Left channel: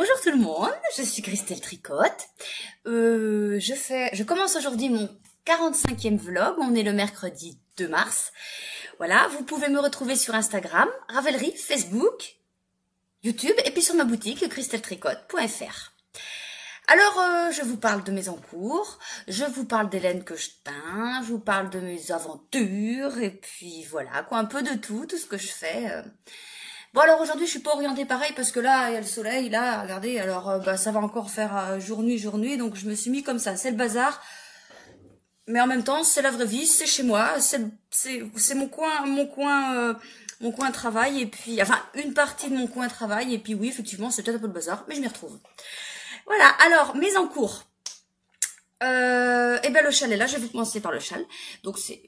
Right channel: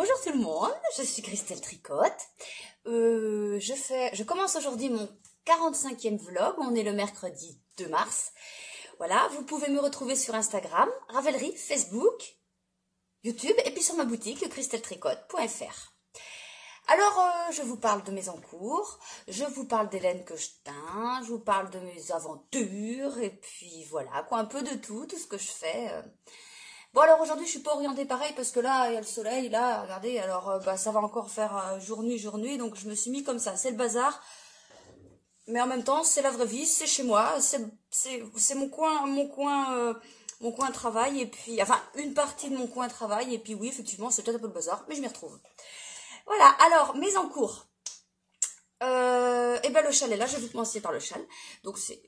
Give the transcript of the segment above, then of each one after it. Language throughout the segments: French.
Bonjour tout le monde, je suis Christelle Tricotte. Je commence aujourd'hui mon 45e vlog. On est le mercredi 2 mars. Voilà, vous pouvez me retrouver sur Instagram, Ravelry, Facebook, YouTube et puis sur ma boutique christelletricotte.fr. Alors, je vous parle de mes encours, je vous parle des laines que je teins, je vous parle de mes aventures et puis voilà, quoi, un peu de tout ce que je fais. Bon, alors aujourd'hui, je suis pas orientée pareil parce que là, il y a le soleil, là, regardez, alors ça va encore faire jour-nuit, donc je me suis mis comme ça, c'est le bazar. Mais en même temps, c'est la vraie vie, c'est chez moi, c'est mon coin travail, et puis, enfin, une partie de mon coin travail, et puis oui, effectivement, c'est peut-être un peu le bazar, mais je m'y retrouve. Voilà, alors, mes encours. Et ben le châle est là, je vais vous commencer par le châle. Donc c'est,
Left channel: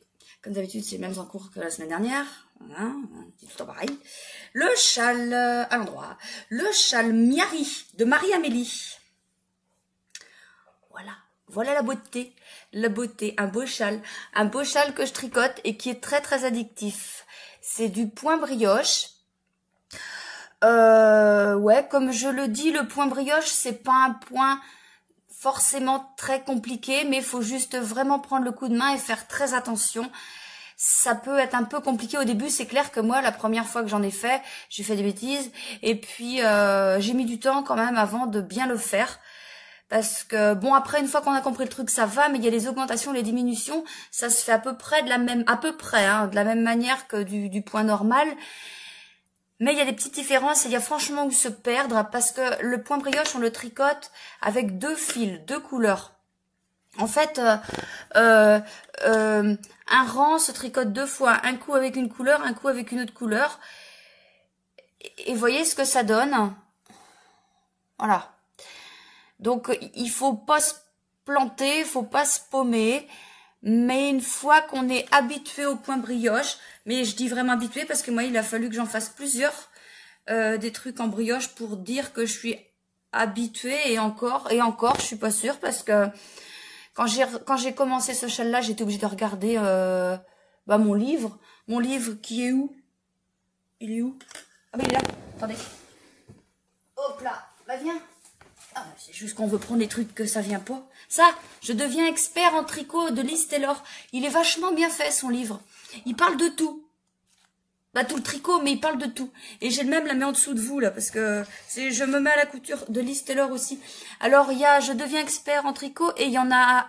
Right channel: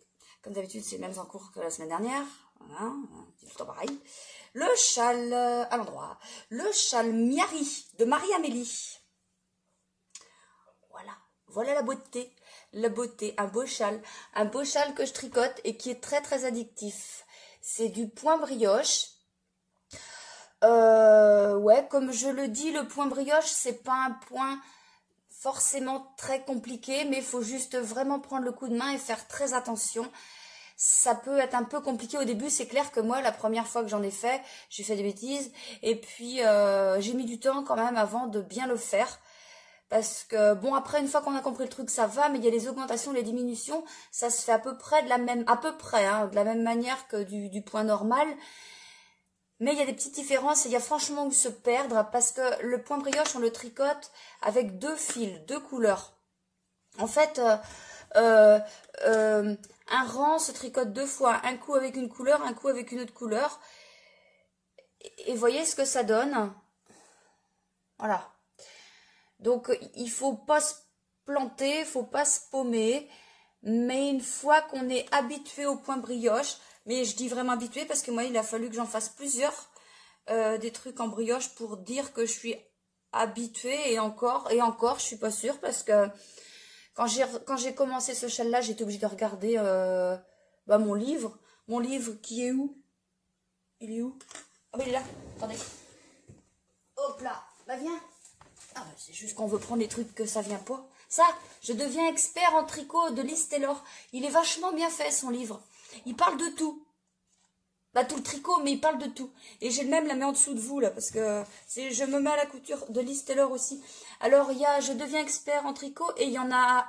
comme d'habitude, c'est les mêmes encours que la semaine dernière. Voilà, c'est tout le temps pareil. Le châle à l'endroit. Le châle Miari de Marie-Amélie. Voilà, voilà la beauté. La beauté, un beau châle que je tricote et qui est très très addictif. C'est du point brioche. Ouais, comme je le dis, le point brioche, c'est pas un point forcément très compliqué, mais il faut juste vraiment prendre le coup de main et faire très attention. Ça peut être un peu compliqué au début, c'est clair que moi, la première fois que j'en ai fait, j'ai fait des bêtises, et puis j'ai mis du temps quand même avant de bien le faire. Parce que, bon, après, une fois qu'on a compris le truc, ça va, mais il y a les augmentations, les diminutions, ça se fait à peu près de la même manière que du point normal. Mais il y a des petites différences et il y a franchement où se perdre parce que le point brioche, on le tricote avec deux fils, deux couleurs. En fait, un rang se tricote deux fois, un coup avec une couleur, un coup avec une autre couleur. Et voyez ce que ça donne. Voilà. Donc, il faut pas se planter, il faut pas se paumer. Mais une fois qu'on est habitué au point brioche, mais je dis vraiment habitué parce que moi, il a fallu que j'en fasse plusieurs des trucs en brioche pour dire que je suis habituée et encore, je suis pas sûre parce que quand j'ai commencé ce châle-là, j'étais obligée de regarder mon livre. Mon livre qui est où? Il est où? Ah ben il est là, attendez. Hop là, bah viens. Ah, c'est juste qu'on veut prendre les trucs que ça vient pas. Ça, je deviens expert en tricot de Liz Taylor. Il est vachement bien fait, son livre. Il parle de tout. Bah, tout le tricot, mais il parle de tout. Et j'ai le même la mets en dessous de vous, là, parce que je me mets à la couture de Liz Taylor aussi. Alors, il y a je deviens expert en tricot, et il y en a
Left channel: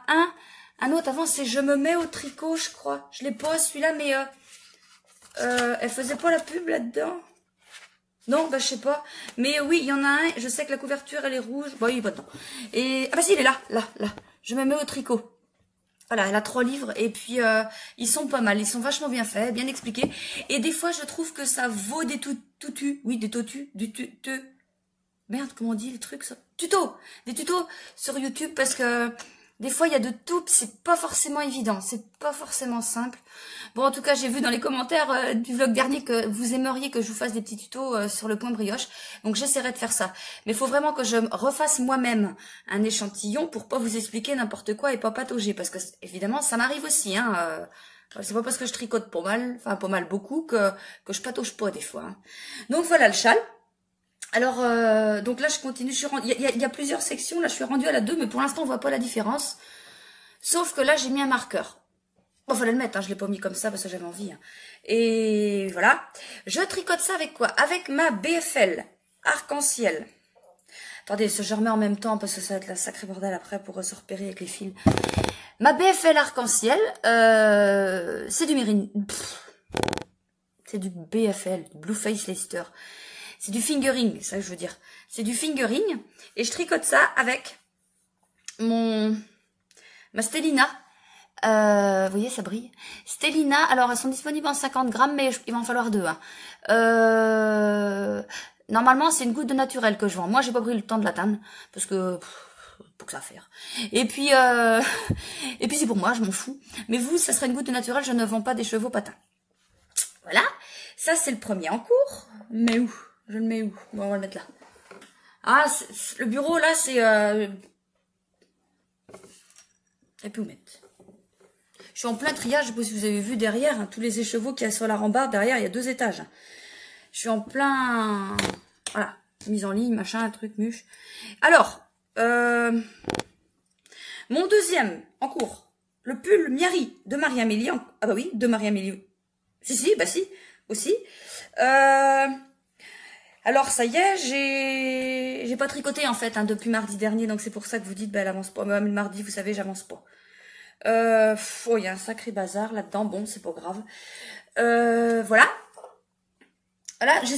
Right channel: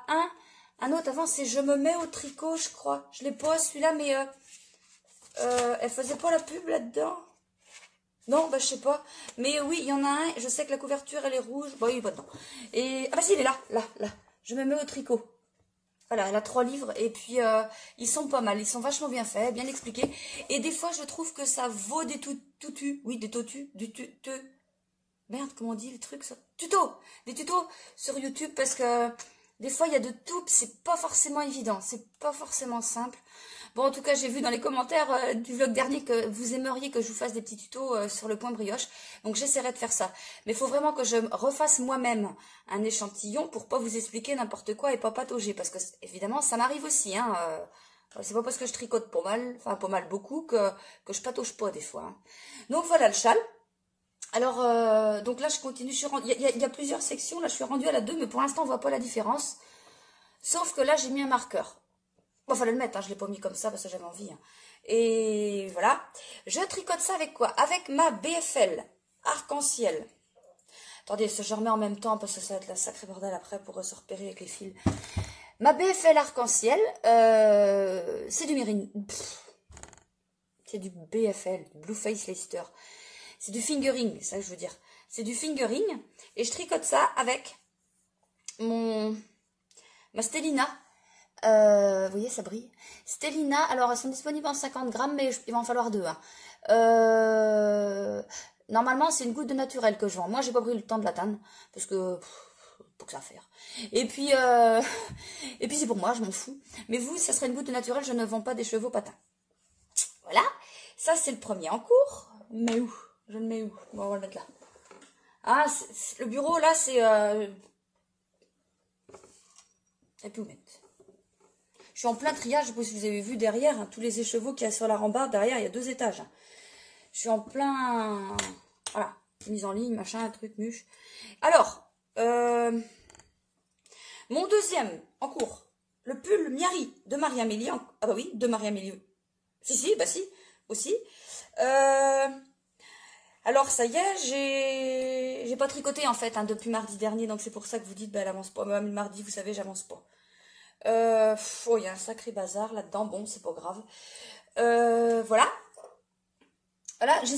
un autre avant, c'est je me mets au tricot, je crois. Je l'ai pas, celui-là, mais elle faisait pas la pub là-dedans. Non, bah je sais pas. Mais oui, il y en a un, je sais que la couverture, elle est rouge. Bon, il est pas dedans. Et, ah bah si, il est là. Je me mets au tricot. Voilà, elle a 3 livres et puis ils sont pas mal. Ils sont vachement bien faits, bien expliqués. Et des fois, je trouve que ça vaut des tutus. Oui, des totus. Merde, comment on dit le truc ça? Tutos. Des tutos sur YouTube parce que des fois, il y a de tout, c'est pas forcément évident, c'est pas forcément simple. Bon, en tout cas, j'ai vu dans les commentaires du vlog dernier que vous aimeriez que je vous fasse des petits tutos sur le point brioche. Donc, j'essaierai de faire ça. Mais il faut vraiment que je refasse moi-même un échantillon pour pas vous expliquer n'importe quoi et pas patauger. Parce que, évidemment, ça m'arrive aussi. Hein, c'est pas parce que je tricote pas mal beaucoup, que je patauge pas des fois. Hein. Donc, voilà le châle. Alors, donc là, je continue. Il y a plusieurs sections. Là, je suis rendue à la 2, mais pour l'instant, on voit pas la différence. Sauf que là, j'ai mis un marqueur. Bon, fallait le mettre, hein, je l'ai pas mis comme ça parce que j'avais envie. Hein. Et voilà. Je tricote ça avec quoi? Avec ma BFL arc-en-ciel. Attendez, je remets en même temps parce que ça va être la sacrée bordel après pour se repérer avec les fils. Ma BFL arc-en-ciel, c'est du Mérine. C'est du BFL, du Blue Face Leicester. C'est du fingering, c'est ça que je veux dire. C'est du fingering. Et je tricote ça avec ma Stellina. Vous voyez, ça brille. Stellina, alors elles sont disponibles en 50 grammes, mais il va en falloir 2. Hein. Normalement, c'est une goutte de naturel que je vends. Moi, j'ai pas pris le temps de l'atteindre, parce que pour que ça faire. Et puis c'est pour moi, je m'en fous. Mais vous, ça serait une goutte de naturel, je ne vends pas des chevaux patins. Voilà. Ça, c'est le premier en cours. Mais où? Je le mets où? Bon, on va le mettre là. Ah, le bureau, là, c'est... Et puis où mettre? Je suis en plein triage, je sais pas si vous avez vu derrière, hein, tous les écheveaux qu'il y a sur la rambarde. Derrière, il y a 2 étages. Je suis en plein... Voilà. mise en ligne, machin, un truc, muche. Alors, mon deuxième en cours, le pull Miari de Marie-Amélie. Ah bah oui, de Marie-Amélie. Si, bah si, aussi. Alors ça y est, j'ai pas tricoté en fait hein, depuis mardi dernier, donc c'est pour ça que vous dites, bah elle avance pas. Même le mardi, vous savez, j'avance pas. Oh, il y a un sacré bazar là-dedans, bon, c'est pas grave. Voilà. Voilà, j'ai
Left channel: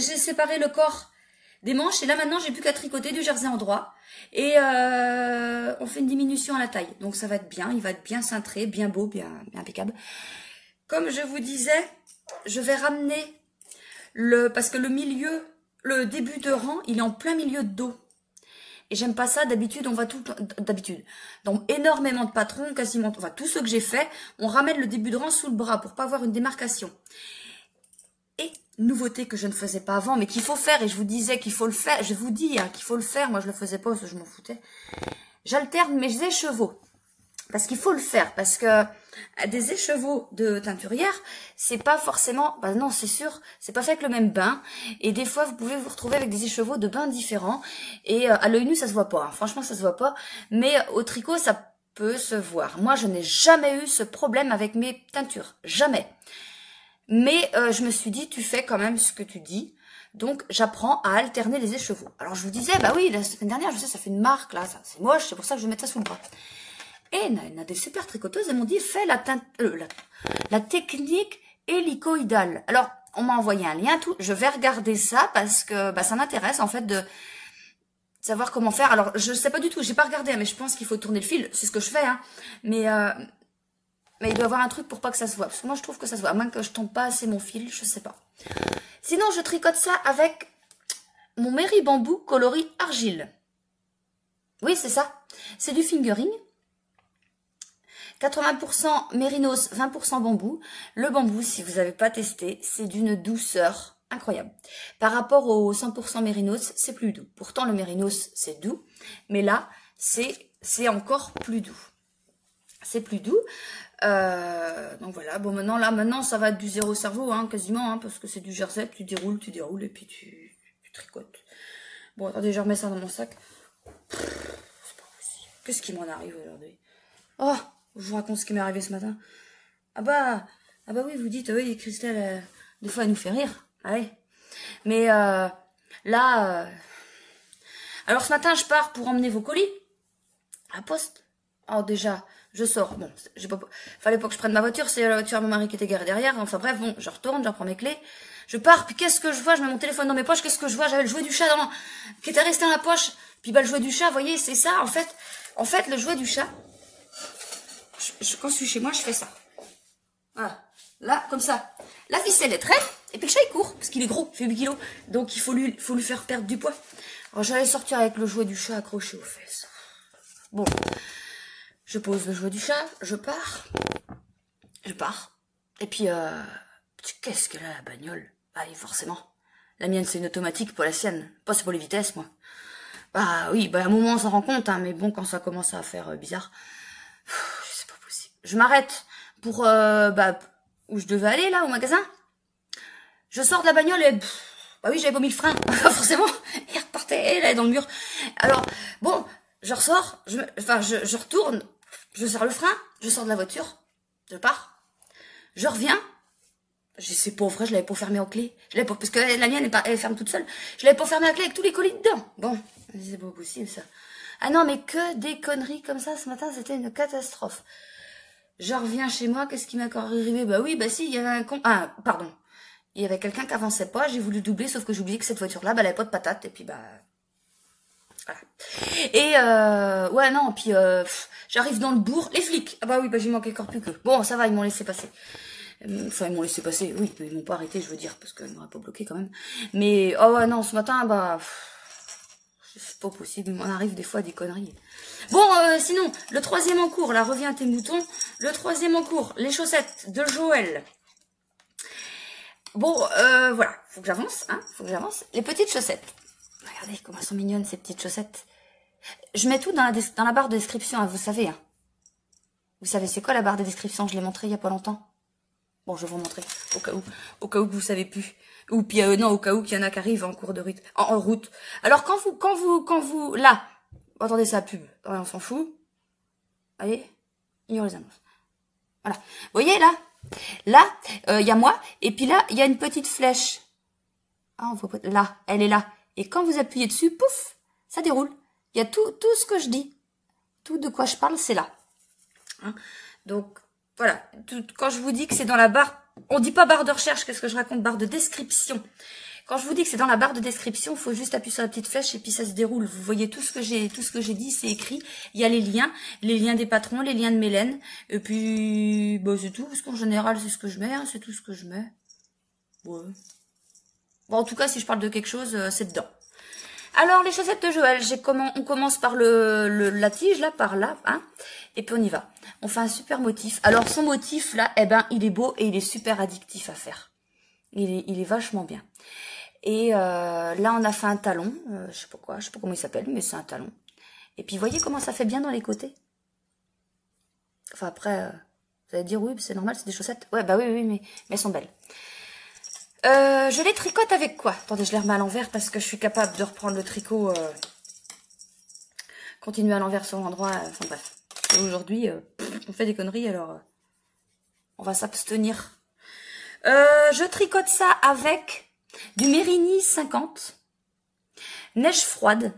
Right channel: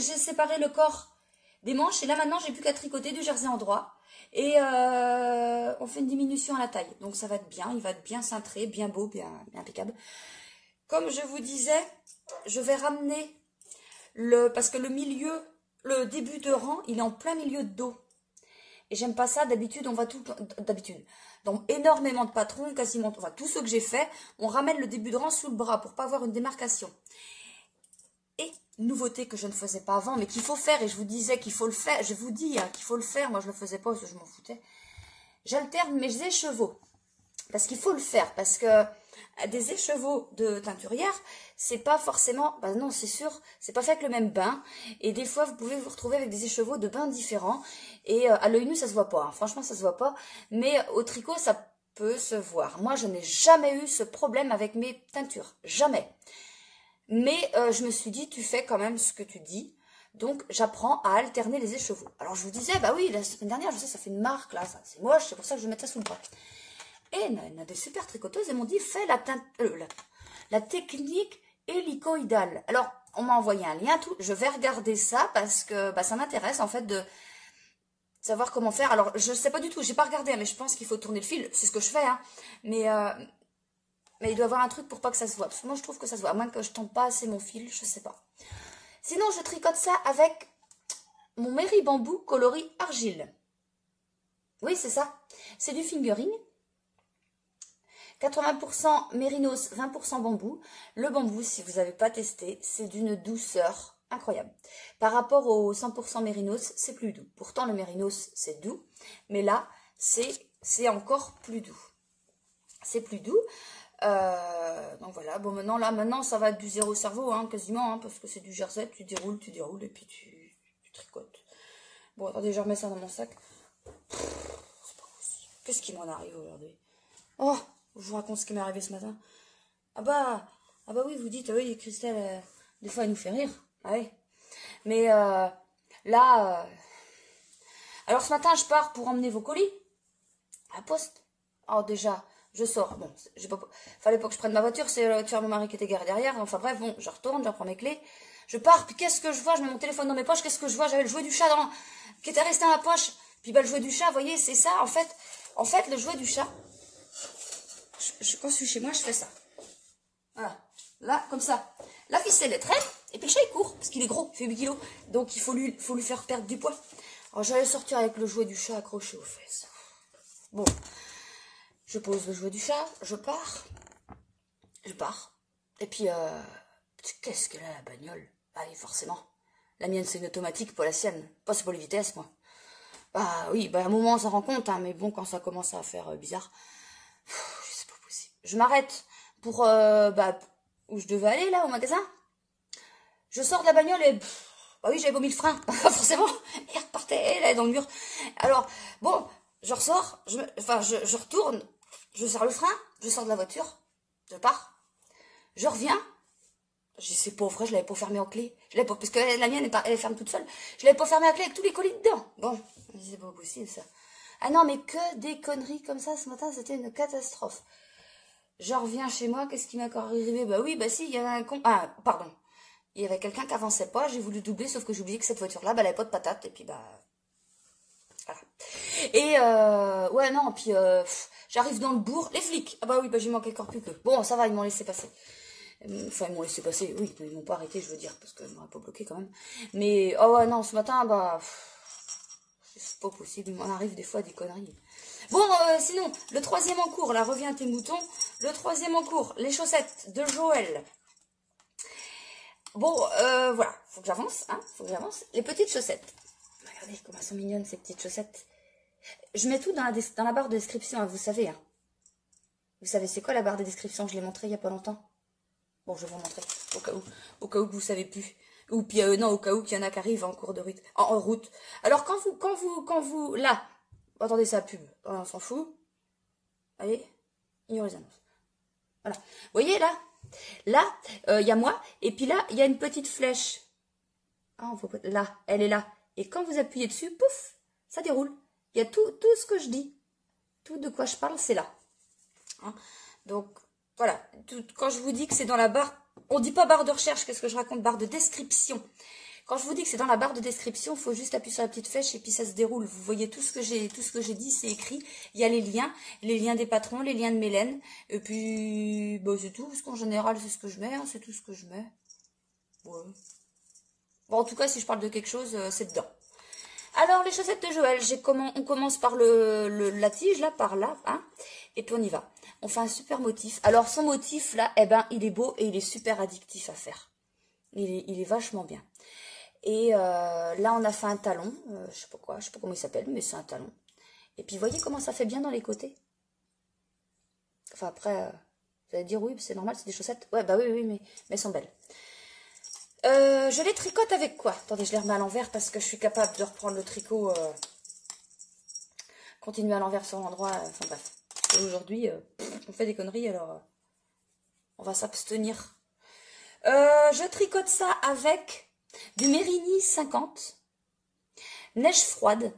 séparé le corps des manches et là maintenant j'ai plus qu'à tricoter du jersey en droit et on fait une diminution à la taille. Donc ça va être bien, il va être bien cintré, bien beau, bien impeccable. Comme je vous disais, je vais ramener parce que le début de rang, il est en plein milieu de dos. Et j'aime pas ça, d'habitude, on va dans énormément de patrons, quasiment, enfin, tous ceux que j'ai fait, on ramène le début de rang sous le bras pour pas avoir une démarcation. Et, nouveauté que je ne faisais pas avant, mais qu'il faut faire, et je vous disais qu'il faut le faire, je vous dis hein, qu'il faut le faire, moi je le faisais pas parce que je m'en foutais. J'alterne mes écheveaux. Parce qu'il faut le faire, parce que des écheveaux de teinturière, c'est pas forcément, bah non c'est sûr, c'est pas fait avec le même bain, et des fois vous pouvez vous retrouver avec des écheveaux de bains différents, et à l'œil nu ça se voit pas, hein. Franchement ça se voit pas, mais au tricot ça peut se voir. Moi je n'ai jamais eu ce problème avec mes teintures, jamais. Mais je me suis dit, tu fais quand même ce que tu dis, donc j'apprends à alterner les écheveaux. Alors je vous disais, bah oui, la semaine dernière, je sais, ça fait une marque là, c'est moche, c'est pour ça que je vais mettre ça sous le bras. Et il y a des super tricoteuses, elles m'ont dit, fais la technique hélicoïdale. Alors, on m'a envoyé un lien, tout. Je vais regarder ça parce que bah, ça m'intéresse en fait de savoir comment faire. Alors, je ne sais pas du tout, j'ai pas regardé, hein, mais je pense qu'il faut tourner le fil. C'est ce que je fais, hein. Mais il doit y avoir un truc pour pas que ça se voit. Parce que moi, je trouve que ça se voit. À moins que je tombe pas assez mon fil, je sais pas. Sinon, je tricote ça avec mon Mairie Bambou coloris argile. Oui, c'est ça. C'est du fingering. 80% mérinos, 20% bambou. Le bambou, si vous n'avez pas testé, c'est d'une douceur incroyable. Par rapport au 100% mérinos, c'est plus doux. Pourtant, le mérinos, c'est doux. Mais là, c'est encore plus doux. C'est plus doux. Donc voilà. Bon, maintenant, ça va être du zéro cerveau, hein, quasiment, hein, parce que c'est du jersey. Tu déroules, et puis tu tricotes. Bon, attendez, je remets ça dans mon sac. C'est pas possible. Qu'est-ce qui m'en arrive aujourd'hui? Oh! Je vous raconte ce qui m'est arrivé ce matin. Ah bah oui, vous dites, oui, Christelle, des fois, elle nous fait rire. Ah oui. Mais là, alors ce matin, je pars pour emmener vos colis à la poste. Oh, déjà, je sors. Bon, fallait pas que je prenne ma voiture, c'est la voiture à mon mari qui était garée derrière. Enfin bref, bon, je retourne, j'en prends mes clés. Je pars, puis qu'est-ce que je vois? Je mets mon téléphone dans mes poches, qu'est-ce que je vois? J'avais le jouet du chat qui était resté dans la poche. Puis bah, le jouet du chat, vous voyez, c'est ça, en fait, le jouet du chat. Quand je suis chez moi, je fais ça. Voilà. Là, comme ça. La ficelle est traîne, et puis le chat, il court, parce qu'il est gros, il fait 8 kilos. Donc, il faut lui faire perdre du poids. Alors, j'allais sortir avec le jouet du chat accroché aux fesses. Bon. Je pose le jouet du chat, je pars. Et puis, qu'est-ce qu'elle a, la bagnole? Bah oui, forcément. La mienne, c'est une automatique, pas la sienne. Pas c'est pour les vitesses, moi. Bah oui, bah à un moment, on s'en rend compte, hein, mais bon, quand ça commence à faire bizarre... Je m'arrête pour où je devais aller là au magasin. Je sors de la bagnole et bah oui, j'avais pas mis le frein. Forcément, il repartait là dans le mur. Alors bon, je ressors, je retourne, je serre le frein, je sors de la voiture, je pars. Je reviens. C'est pas vrai, je l'avais pas fermé en clé. Parce que la mienne elle ferme toute seule. Je l'avais pas fermé à clé avec tous les colis dedans. Bon, c'est pas possible ça. Ah non, mais que des conneries comme ça ce matin, c'était une catastrophe. Je reviens chez moi, qu'est-ce qui m'est encore arrivé? Bah oui, bah si, il y avait un con... Ah, pardon. Il y avait quelqu'un qui avançait pas, j'ai voulu doubler, sauf que j'ai oublié que cette voiture-là, bah, elle avait pas de patate, et puis bah... Voilà. Et, ouais, non, puis j'arrive dans le bourg, les flics. Ah bah oui, bah j'y manquais encore plus que... Bon, ça va, ils m'ont laissé passer. Enfin, ils m'ont laissé passer, oui, ils m'ont pas arrêté, je veux dire, parce qu'ils m'auraient pas bloqué quand même. Mais, oh ouais, non, ce matin, bah... C'est pas possible, il m'en arrive des fois des conneries. Bon, sinon, le troisième en cours, là, reviens tes moutons. Le troisième en cours, les chaussettes de Joël. Bon, voilà, faut que j'avance, hein, faut que j'avance. Les petites chaussettes. Regardez comment elles sont mignonnes, ces petites chaussettes. Je mets tout dans la barre de description, hein, vous savez. Hein. Vous savez, c'est quoi la barre de description? Je l'ai montré il y a pas longtemps. Bon, je vais vous montrer, au cas où vous savez plus. Ou puis non, au cas où qu'il y en a qui arrivent en cours de route. En route. Alors quand vous, là, attendez, c'est la pub. Attendez, on s'en fout. Allez, ignore les annonces. Voilà. Vous voyez là, il y a moi, et puis là, il y a une petite flèche. Ah, on voit pas. Là, elle est là. Et quand vous appuyez dessus, pouf, ça déroule. Il y a tout ce que je dis. Tout de quoi je parle, c'est là. Hein, donc, voilà. Quand je vous dis que c'est dans la barre, on dit pas barre de recherche, qu'est-ce que je raconte? Barre de description. Quand je vous dis que c'est dans la barre de description, il faut juste appuyer sur la petite flèche et puis ça se déroule. Vous voyez tout ce que j'ai dit, c'est écrit. Il y a les liens des patrons, les liens de Mélène. Et puis, bah, c'est tout, parce qu'en général, c'est ce que je mets, hein, c'est tout ce que je mets. Ouais. Bon, en tout cas, si je parle de quelque chose, c'est dedans. Alors, les chaussettes de Joël, on commence par la tige, là, par là, hein, et puis on y va. On fait un super motif. Alors, son motif, là, eh ben, il est beau et il est super addictif à faire. Il est vachement bien. Et là, on a fait un talon, je sais pas comment il s'appelle, mais c'est un talon. Et puis, voyez comment ça fait bien dans les côtés. Enfin, après, vous allez dire, oui, c'est normal, c'est des chaussettes. Ouais, bah oui, mais elles sont belles. Je les tricote avec quoi? Attendez, je les remets à l'envers parce que je suis capable de reprendre le tricot. Continuer à l'envers sur l'endroit. Enfin bref. Aujourd'hui, on fait des conneries, alors on va s'abstenir. Je tricote ça avec du Mérini 50. Neige froide.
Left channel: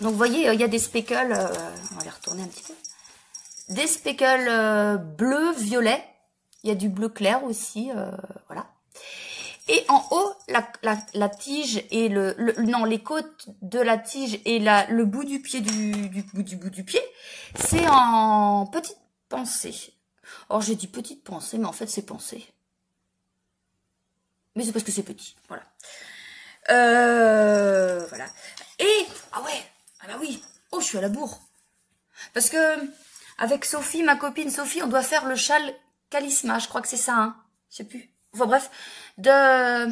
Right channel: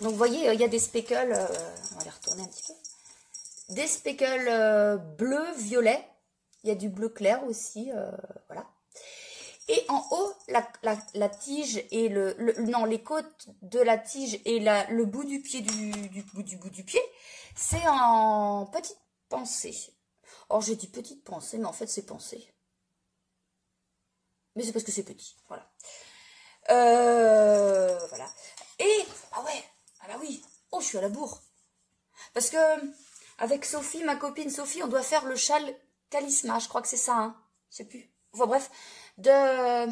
Donc vous voyez, il y a des speckles. On va les retourner un petit peu. Des speckles bleu, violet. Il y a du bleu clair aussi. Voilà. Et en haut, la tige et les côtes de la tige et le bout du pied du bout du pied, c'est en petite pensée. Or, j'ai dit petite pensée, mais en fait, c'est pensée. Mais c'est parce que c'est petit, voilà. Voilà. Et, ah ouais, ah bah oui, oh, je suis à la bourre. Parce que, avec Sophie, ma copine Sophie, on doit faire le châle Calisma, je crois que c'est ça, hein. Je sais plus. Enfin bref, de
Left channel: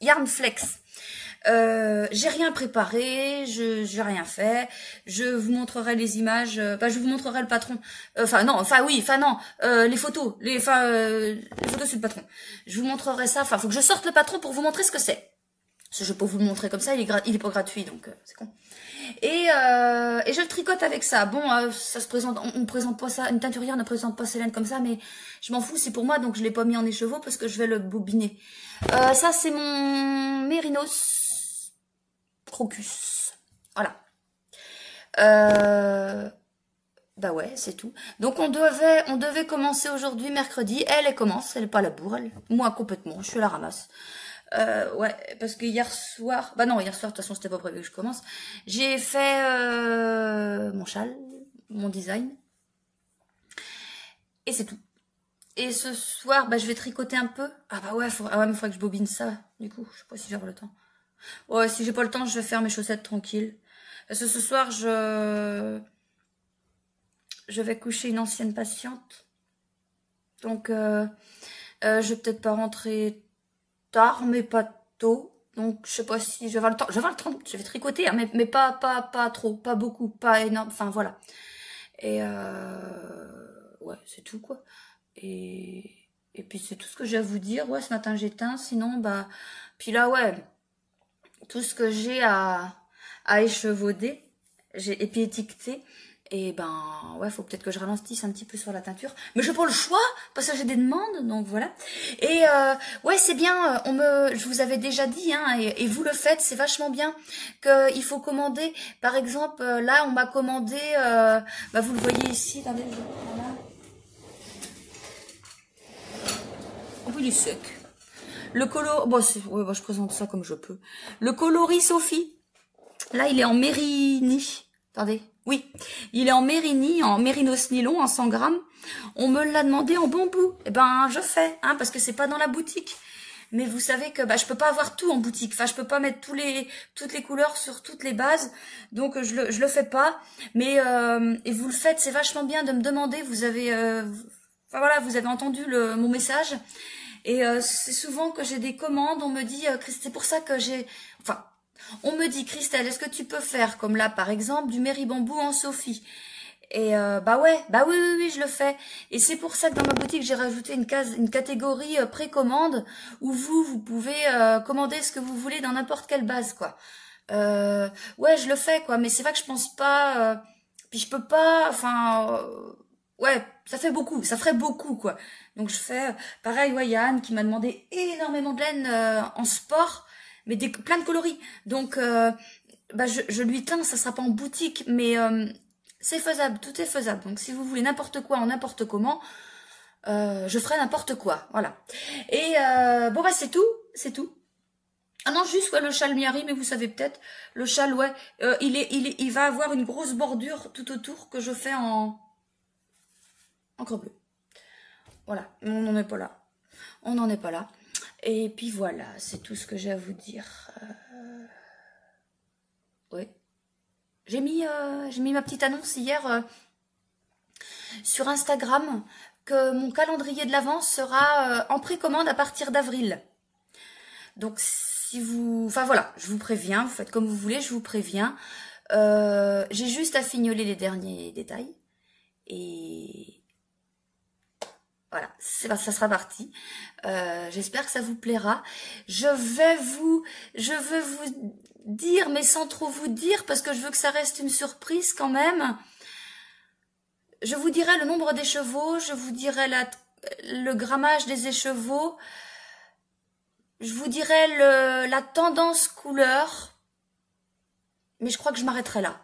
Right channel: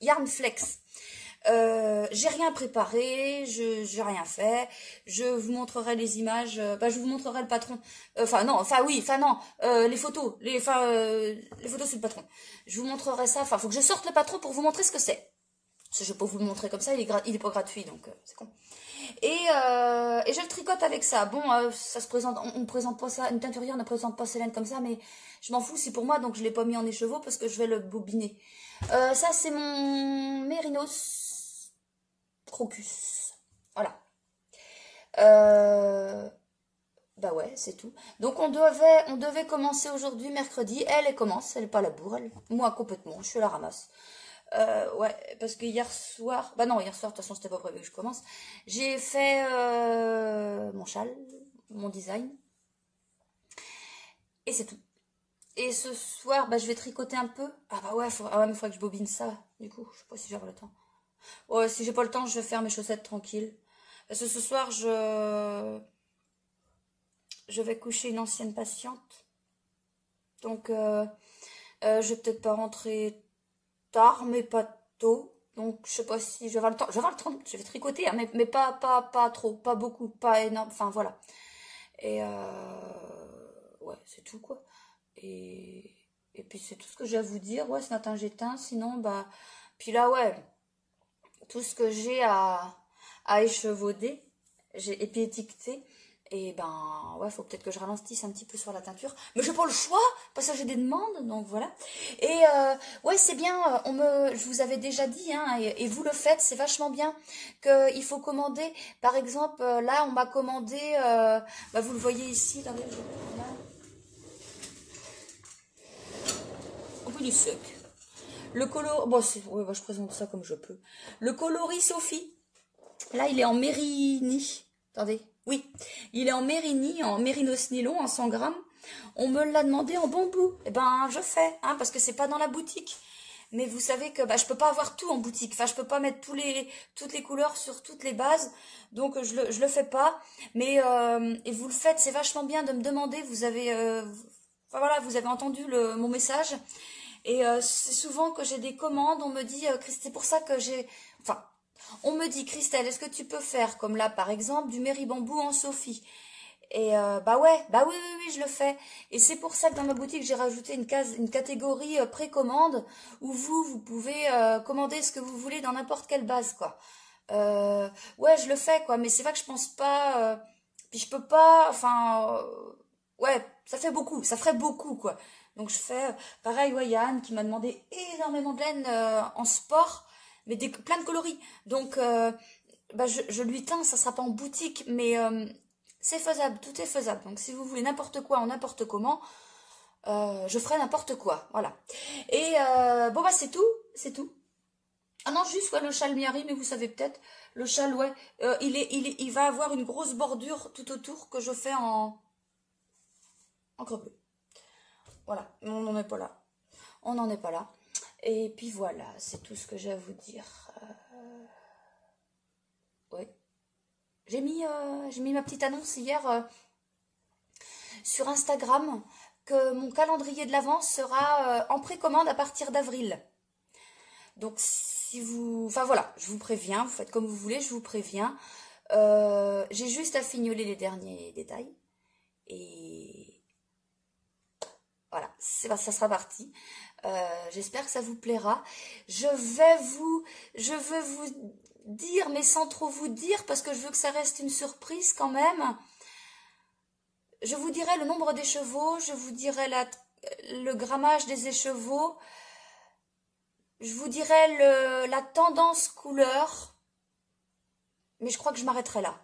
Yarnflex. J'ai rien préparé, j'ai rien fait. Je vous montrerai les images. Je vous montrerai le patron. Les photos, les photos sur le patron. Je vous montrerai ça. Enfin, faut que je sorte le patron pour vous montrer ce que c'est. Parce que je vais pas vous le montrer comme ça, il est pas gratuit, donc c'est con. Et je le tricote avec ça. Bon, ça se présente, on présente pas ça, une teinturière ne présente pas Célène comme ça, mais je m'en fous, c'est pour moi, donc je l'ai pas mis en écheveau parce que je vais le bobiner. Ça, c'est mon Mérinos Crocus. Voilà. Bah ouais, c'est tout. Donc on devait commencer aujourd'hui, mercredi. Elle commence, elle est pas à la bourre, elle. Moi complètement, je suis à la ramasse. Ouais, parce que hier soir, bah non, hier soir, de toute façon, c'était pas prévu que je commence. J'ai fait mon châle, mon design. Et c'est tout. Et ce soir, bah, je vais tricoter un peu. Ah bah ouais, mais faudrait que je bobine ça, du coup. Je sais pas si j'aurai le temps. Ouais, si j'ai pas le temps, je vais faire mes chaussettes tranquilles. Parce que ce soir, je vais coucher une ancienne patiente. Donc, je vais peut-être pas rentrer tard, mais pas tôt. Donc, je sais pas si je vais avoir le temps. Je vais avoir le temps, je vais tricoter, hein, mais pas trop, pas beaucoup, pas énorme. Enfin, voilà. Et ouais, c'est tout, quoi. Et puis, c'est tout ce que j'ai à vous dire. Ouais, ce matin, j'éteins. Sinon, bah... Puis là, ouais, tout ce que j'ai à échevauder, et puis étiqueter. Et ben, ouais, faut peut-être que je ralentisse un petit peu sur la teinture. Mais j'ai pas le choix, parce que j'ai des demandes, donc voilà. Et ouais, c'est bien, je vous avais déjà dit, hein, et vous le faites, c'est vachement bien, qu'il faut commander. Par exemple, là, on m'a commandé, bah, vous le voyez ici, attendez, voilà. Oh, il est sec. Le coloris, bon, ouais, bah, je présente ça comme je peux. Le coloris Sophie, là, il est en Mérini. Attendez. Oui, il est en Mérini, en mérinos nylon, en 100 grammes. On me l'a demandé en bambou. Eh ben, je fais, hein, parce que c'est pas dans la boutique. Mais vous savez que bah, je peux pas avoir tout en boutique. Enfin, je peux pas mettre toutes les couleurs sur toutes les bases. Donc, je le fais pas. Mais, et vous le faites, c'est vachement bien de me demander. Vous avez, enfin, voilà, vous avez entendu mon message. Et c'est souvent que j'ai des commandes. On me dit, c'est pour ça que j'ai... Enfin... On me dit, Christelle, est-ce que tu peux faire, comme là, par exemple, du Méribambou en Sophie? Et bah ouais, bah oui, oui, oui, je le fais. Et c'est pour ça que dans ma boutique, j'ai rajouté une catégorie précommande où vous pouvez commander ce que vous voulez dans n'importe quelle base, quoi. Ouais, je le fais, quoi. Mais c'est vrai que je pense pas... puis je peux pas... Enfin... ouais, ça fait beaucoup. Ça ferait beaucoup, quoi. Donc je fais... pareil, ouais, il y a Anne qui m'a demandé énormément de laine en sport, mais plein de coloris. Donc, bah, je lui teins, ça sera pas en boutique, mais... c'est faisable, tout est faisable. Donc si vous voulez n'importe quoi en n'importe comment, je ferai n'importe quoi. Voilà. Et bon bah c'est tout, c'est tout. Ah non, juste ouais, le châle Miari, mais vous savez peut-être, le châle, ouais, il va avoir une grosse bordure tout autour que je fais en encre bleue. Voilà, on n'en est pas là. On n'en est pas là. Et puis voilà, c'est tout ce que j'ai à vous dire. Ouais. J'ai mis ma petite annonce hier sur Instagram que mon calendrier de l'Avent sera en précommande à partir d'avril. Donc si vous... Enfin voilà, je vous préviens, vous faites comme vous voulez, je vous préviens. J'ai juste à fignoler les derniers détails. Et voilà, ça sera parti. J'espère que ça vous plaira. Je veux vous dire, mais sans trop vous dire, parce que je veux que ça reste une surprise quand même. Je vous dirai le nombre d'écheveaux, je vous dirai le grammage des écheveaux, je vous dirai la tendance couleur, mais je crois que je m'arrêterai là.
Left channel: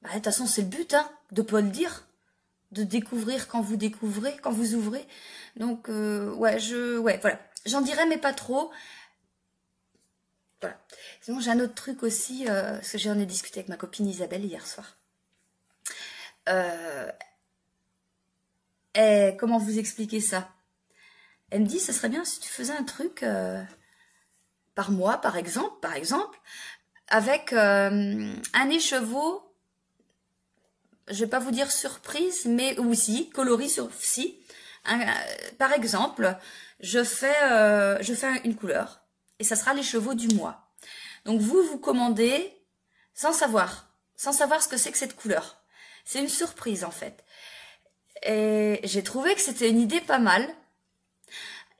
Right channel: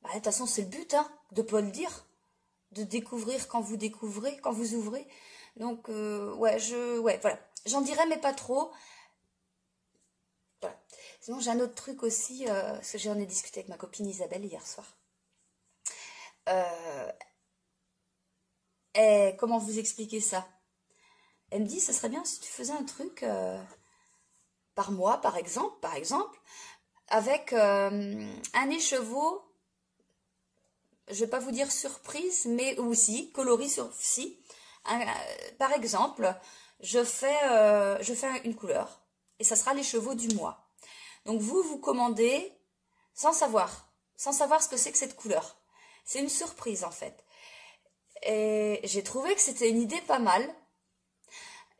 Bah, de toute façon, c'est le but, hein, de pas le dire, de découvrir quand vous découvrez, quand vous ouvrez. Donc, ouais, voilà. J'en dirai, mais pas trop. Voilà. Sinon, j'ai un autre truc aussi, parce que j'en ai discuté avec ma copine Isabelle hier soir. Et comment vous expliquer ça? Elle me dit, ce serait bien si tu faisais un truc par mois, par exemple, avec un écheveau, je vais pas vous dire surprise, mais aussi coloris si. Par exemple, je fais une couleur et ça sera l'écheveau du mois. Donc vous commandez sans savoir ce que c'est que cette couleur. C'est une surprise en fait. Et j'ai trouvé que c'était une idée pas mal.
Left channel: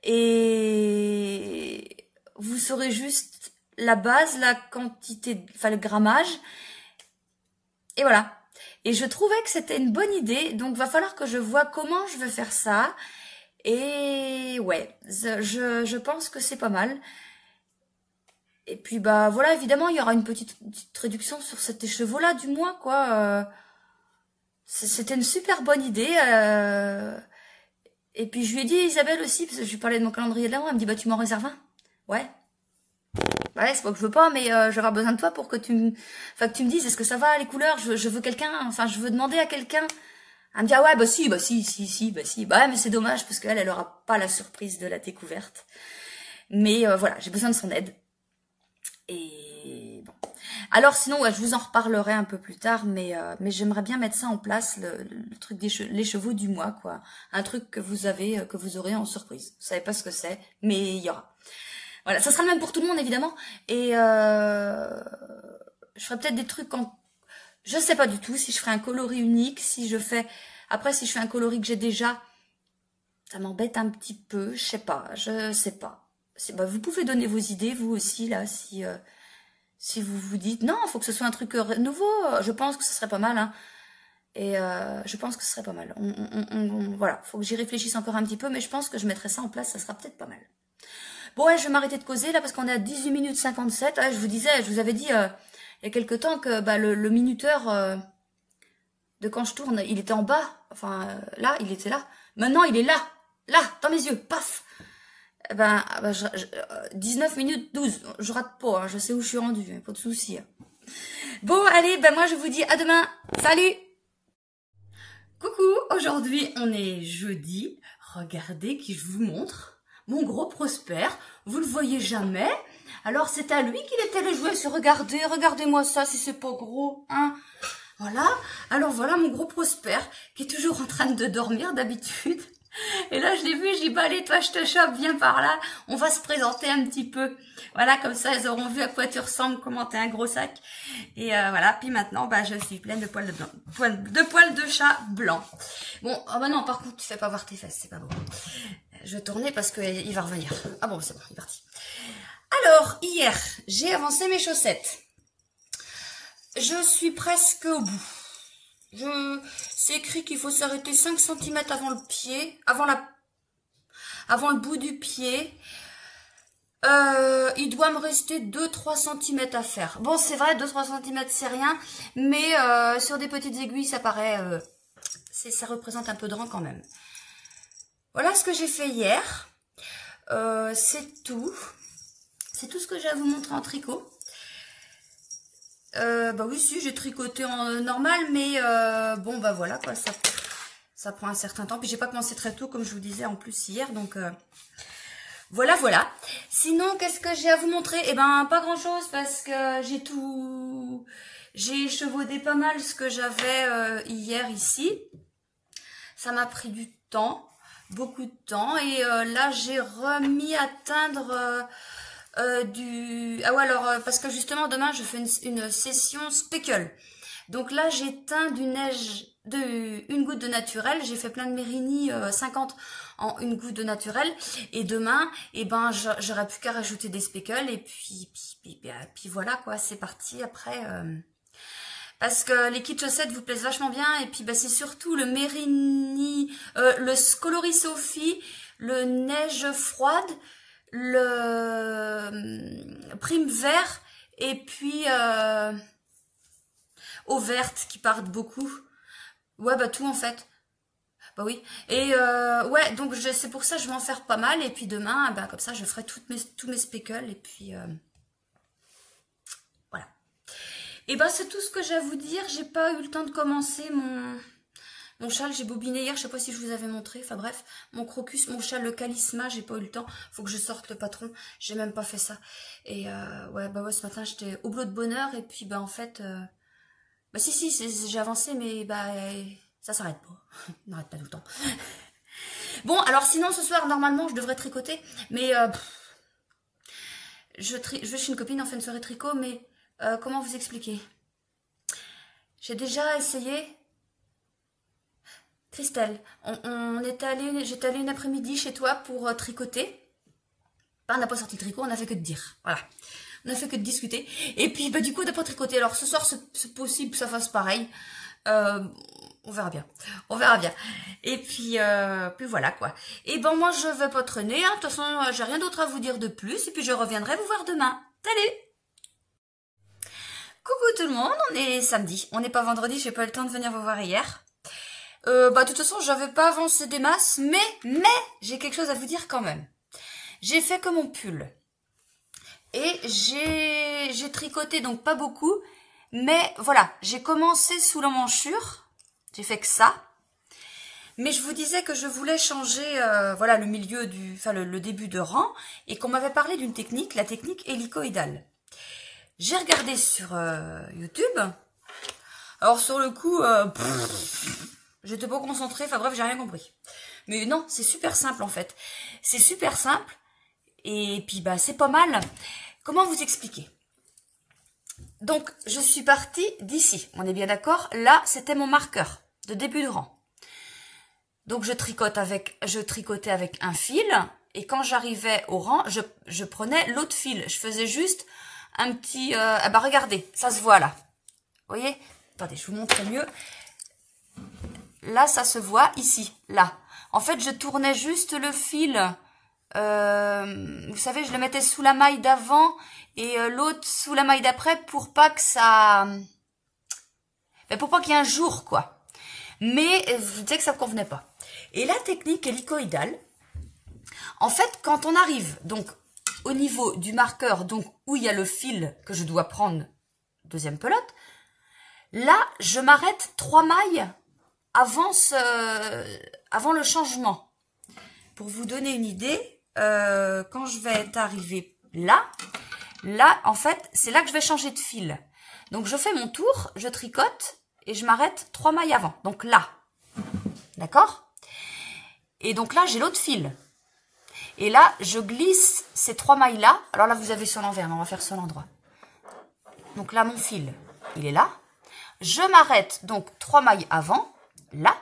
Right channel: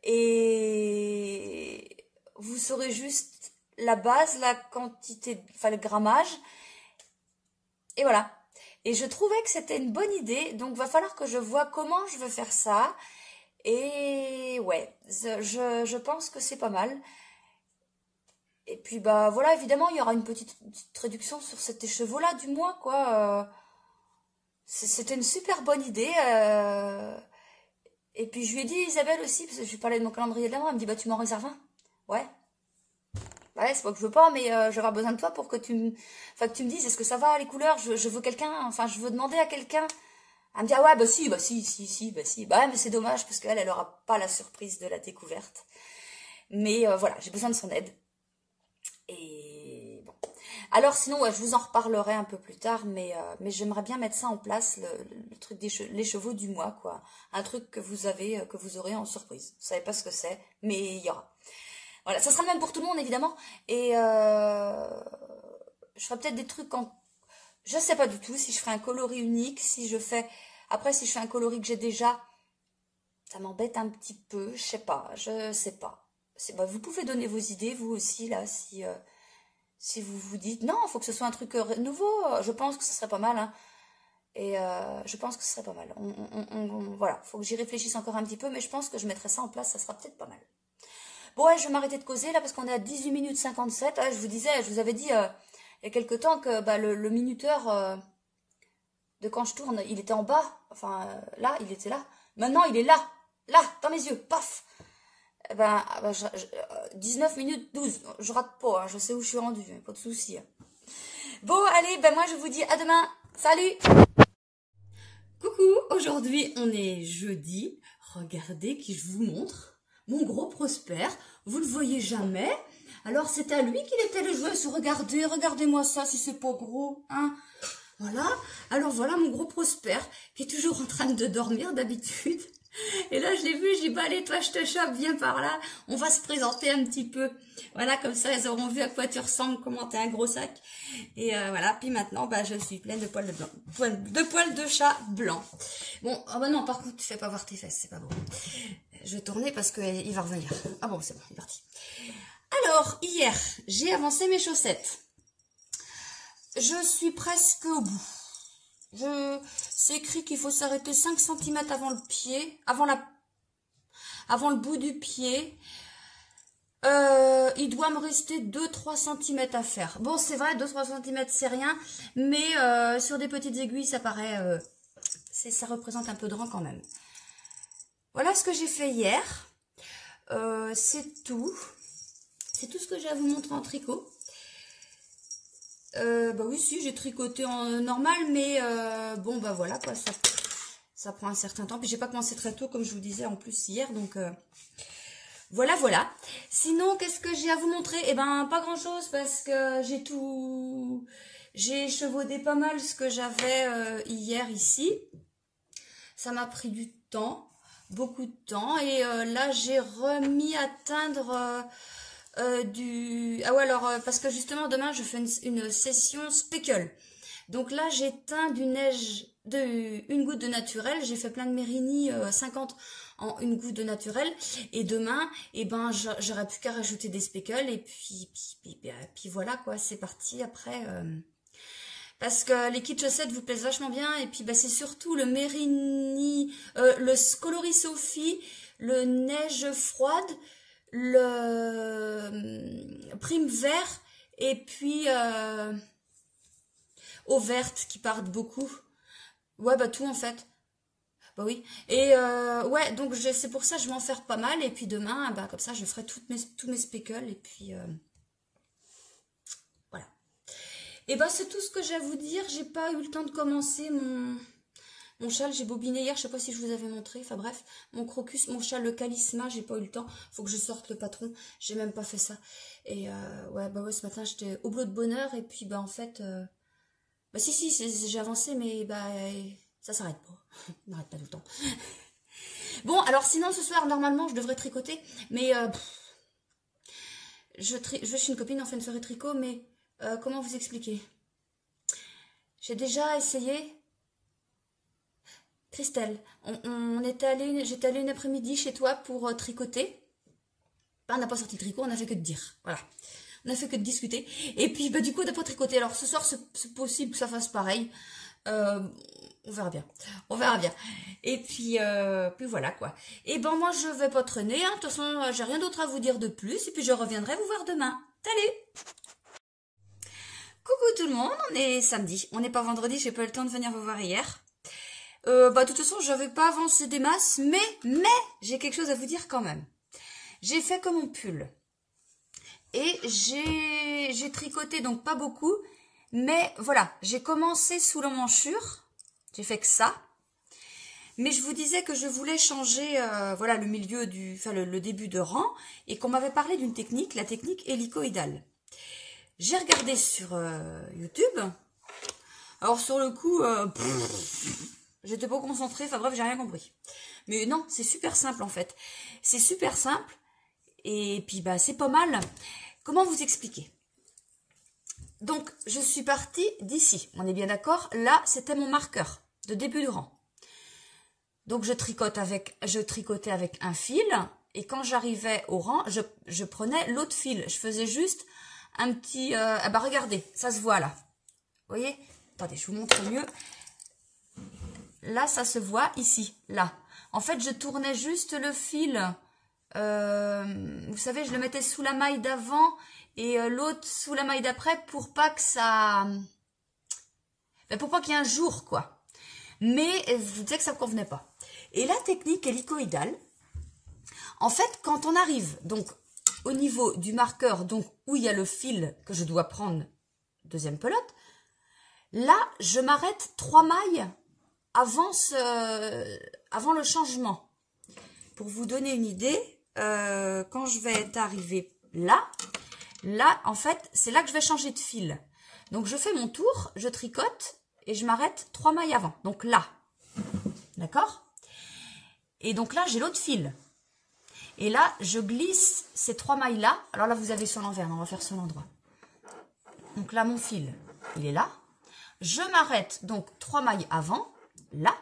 Et vous saurez juste la base, la quantité, enfin le grammage. Et voilà. Et je trouvais que c'était une bonne idée. Donc va falloir que je vois comment je vais faire ça. Et ouais, je pense que c'est pas mal. Et puis bah voilà, évidemment, il y aura une petite réduction sur cet écheveau-là du mois, quoi. C'était une super bonne idée. Et puis je lui ai dit, Isabelle aussi, parce que je lui parlais de mon calendrier de l'Avent, elle me dit, bah tu m'en réserves un. Ouais. Ouais, c'est pas que je veux pas, mais je vais avoir besoin de toi pour que tu me dises, est-ce que ça va les couleurs? Je veux quelqu'un, enfin je veux demander à quelqu'un. Elle me dit, ah ouais, bah si. Bah ouais, mais c'est dommage, parce qu'elle aura pas la surprise de la découverte. Mais voilà, j'ai besoin de son aide. Et bon. Alors sinon, ouais, je vous en reparlerai un peu plus tard, mais j'aimerais bien mettre ça en place, le truc les chevaux du mois, quoi. Un truc que vous aurez en surprise. Vous savez pas ce que c'est, mais il y aura. Voilà, ça sera le même pour tout le monde, évidemment. Et je ferai peut-être des trucs je sais pas du tout si je ferai un coloris unique, si je fais un coloris que j'ai déjà, ça m'embête un petit peu, je sais pas. Bah, vous pouvez donner vos idées, vous aussi, là, si vous vous dites, non, il faut que ce soit un truc nouveau, je pense que ce serait pas mal, hein. Et je pense que ce serait pas mal. Voilà, faut que j'y réfléchisse encore un petit peu, mais je pense que je mettrai ça en place, ça sera peut-être pas mal. Bon, ouais, je vais m'arrêter de causer, là, parce qu'on est à 18 minutes 57. Ouais, je vous avais dit, il y a quelque temps que bah, le minuteur de quand je tourne, il était en bas. Enfin, là, il était là. Maintenant, il est là, dans mes yeux, paf. 19 minutes 12, je rate pas, hein, je sais où je suis rendue, pas de souci. Bon, allez, moi je vous dis à demain, salut. Coucou, aujourd'hui on est jeudi, regardez qui je vous montre, mon gros Prosper, vous le voyez jamais, alors c'est à lui qu'il était le jouet, regardez-moi ça si c'est pas gros, hein. Voilà, alors voilà mon gros Prosper qui est toujours en train de dormir d'habitude. Et là, je l'ai vu, j'ai dit, bah allez, toi, je te chope, viens par là. On va se présenter un petit peu. Voilà, comme ça, elles auront vu à quoi tu ressembles, comment t'es un gros sac. Et voilà, puis maintenant, bah je suis pleine de poils de blanc. De poils de chat blanc. Bon, ah bah non, par contre, tu fais pas voir tes fesses, c'est pas bon. Je vais tourner parce qu'il va revenir. Ah bon, c'est bon, il est parti. Alors, hier, j'ai avancé mes chaussettes. Je suis presque au bout. C'est écrit qu'il faut s'arrêter 5 cm avant le pied, avant le bout du pied. Il doit me rester 2-3 cm à faire. Bon, c'est vrai, 2-3 cm, c'est rien. Mais sur des petites aiguilles, ça paraît... ça représente un peu de rang quand même. Voilà ce que j'ai fait hier. C'est tout. C'est tout ce que j'ai à vous montrer en tricot. Bah oui, si, j'ai tricoté en normal, mais bon, bah voilà, quoi, ça prend un certain temps. Puis j'ai pas commencé très tôt, comme je vous disais, en plus hier, donc voilà, voilà. Sinon, qu'est-ce que j'ai à vous montrer? Eh ben, pas grand-chose, parce que j'ai échevaudé pas mal ce que j'avais hier ici. Ça m'a pris du temps, beaucoup de temps, et là, j'ai remis à teindre... Ah ouais, alors parce que justement demain je fais une session speckle. Donc là j'ai teint du neige une goutte de naturel, j'ai fait plein de Mérini 50 en une goutte de naturel, et demain et ben j'aurais plus qu'à rajouter des speckles, et puis voilà quoi, c'est parti après parce que les kits chaussettes vous plaisent vachement bien, et puis bah, c'est surtout le Mérini, le coloris Sophie, le neige froide, le prime vert, et puis eau verte qui partent beaucoup. Ouais, bah tout en fait. Bah oui. Et ouais, donc c'est pour ça que je vais en faire pas mal. Et puis demain, bah, comme ça, je ferai tous mes speckles. Et puis voilà. Et bah c'est tout ce que j'ai à vous dire. J'ai pas eu le temps de commencer mon châle, j'ai bobiné hier, je sais pas si je vous avais montré, enfin bref, mon crocus, mon châle, le Calisma, j'ai pas eu le temps, faut que je sorte le patron, j'ai même pas fait ça. Et ouais, bah ouais, ce matin j'étais au blot de bonheur, et puis bah en fait, bah si, j'ai avancé, mais bah ça s'arrête pas, on n'arrête pas tout le temps. Bon, alors sinon ce soir, normalement, je devrais tricoter, mais je vais chez une copine, on fait une soirée tricot, mais comment vous expliquer? J'ai déjà essayé... Christelle, j'étais allée une après-midi chez toi pour tricoter. On n'a pas sorti le tricot, on n'a fait que de dire. Voilà. On n'a fait que de discuter. Et puis, bah, du coup, on n'a pas tricoté. Alors, ce soir, c'est possible que ça fasse pareil. On verra bien. On verra bien. Et puis voilà, quoi. Et ben, moi, je vais pas traîner. Hein. De toute façon, j'ai rien d'autre à vous dire de plus. Et puis, je reviendrai vous voir demain. Salut! Coucou tout le monde, on est samedi. On n'est pas vendredi, j'ai pas eu le temps de venir vous voir hier. Bah, de toute façon, j'avais pas avancé des masses, mais j'ai quelque chose à vous dire quand même. J'ai fait que mon pull. Et j'ai tricoté, donc pas beaucoup. Mais voilà, j'ai commencé sous l'emmanchure. J'ai fait que ça. Mais je vous disais que je voulais changer voilà, le milieu le début de rang. Et qu'on m'avait parlé d'une technique, la technique hélicoïdale. J'ai regardé sur YouTube. Alors sur le coup... j'étais pas concentrée, enfin bref, j'ai rien compris. Mais non, c'est super simple en fait. C'est super simple. Et puis bah c'est pas mal. Comment vous expliquer? Donc je suis partie d'ici. On est bien d'accord? Là, c'était mon marqueur de début de rang. Donc je tricotais avec un fil. Et quand j'arrivais au rang, je prenais l'autre fil. Je faisais juste un petit... ah bah regardez, ça se voit là. Vous voyez? Attendez, je vous montre mieux. Là, ça se voit ici, là. En fait, je tournais juste le fil. Vous savez, je le mettais sous la maille d'avant et l'autre sous la maille d'après pour pas que ça... pour pas qu'il y ait un jour, quoi. Mais vous savez que ça ne convenait pas. Et la technique hélicoïdale, en fait, quand on arrive donc au niveau du marqueur, donc où il y a le fil que je dois prendre, deuxième pelote, là, je m'arrête 3 mailles avant le changement. Pour vous donner une idée, quand je vais être arrivée là, en fait, c'est là que je vais changer de fil. Donc, je fais mon tour, je tricote et je m'arrête 3 mailles avant. Donc là, d'accord? Et donc là, j'ai l'autre fil. Et là, je glisse ces 3 mailles-là. Alors là, vous avez sur l'envers, mais on va faire sur l'endroit. Donc là, mon fil, il est là. Je m'arrête, donc 3 mailles avant, là.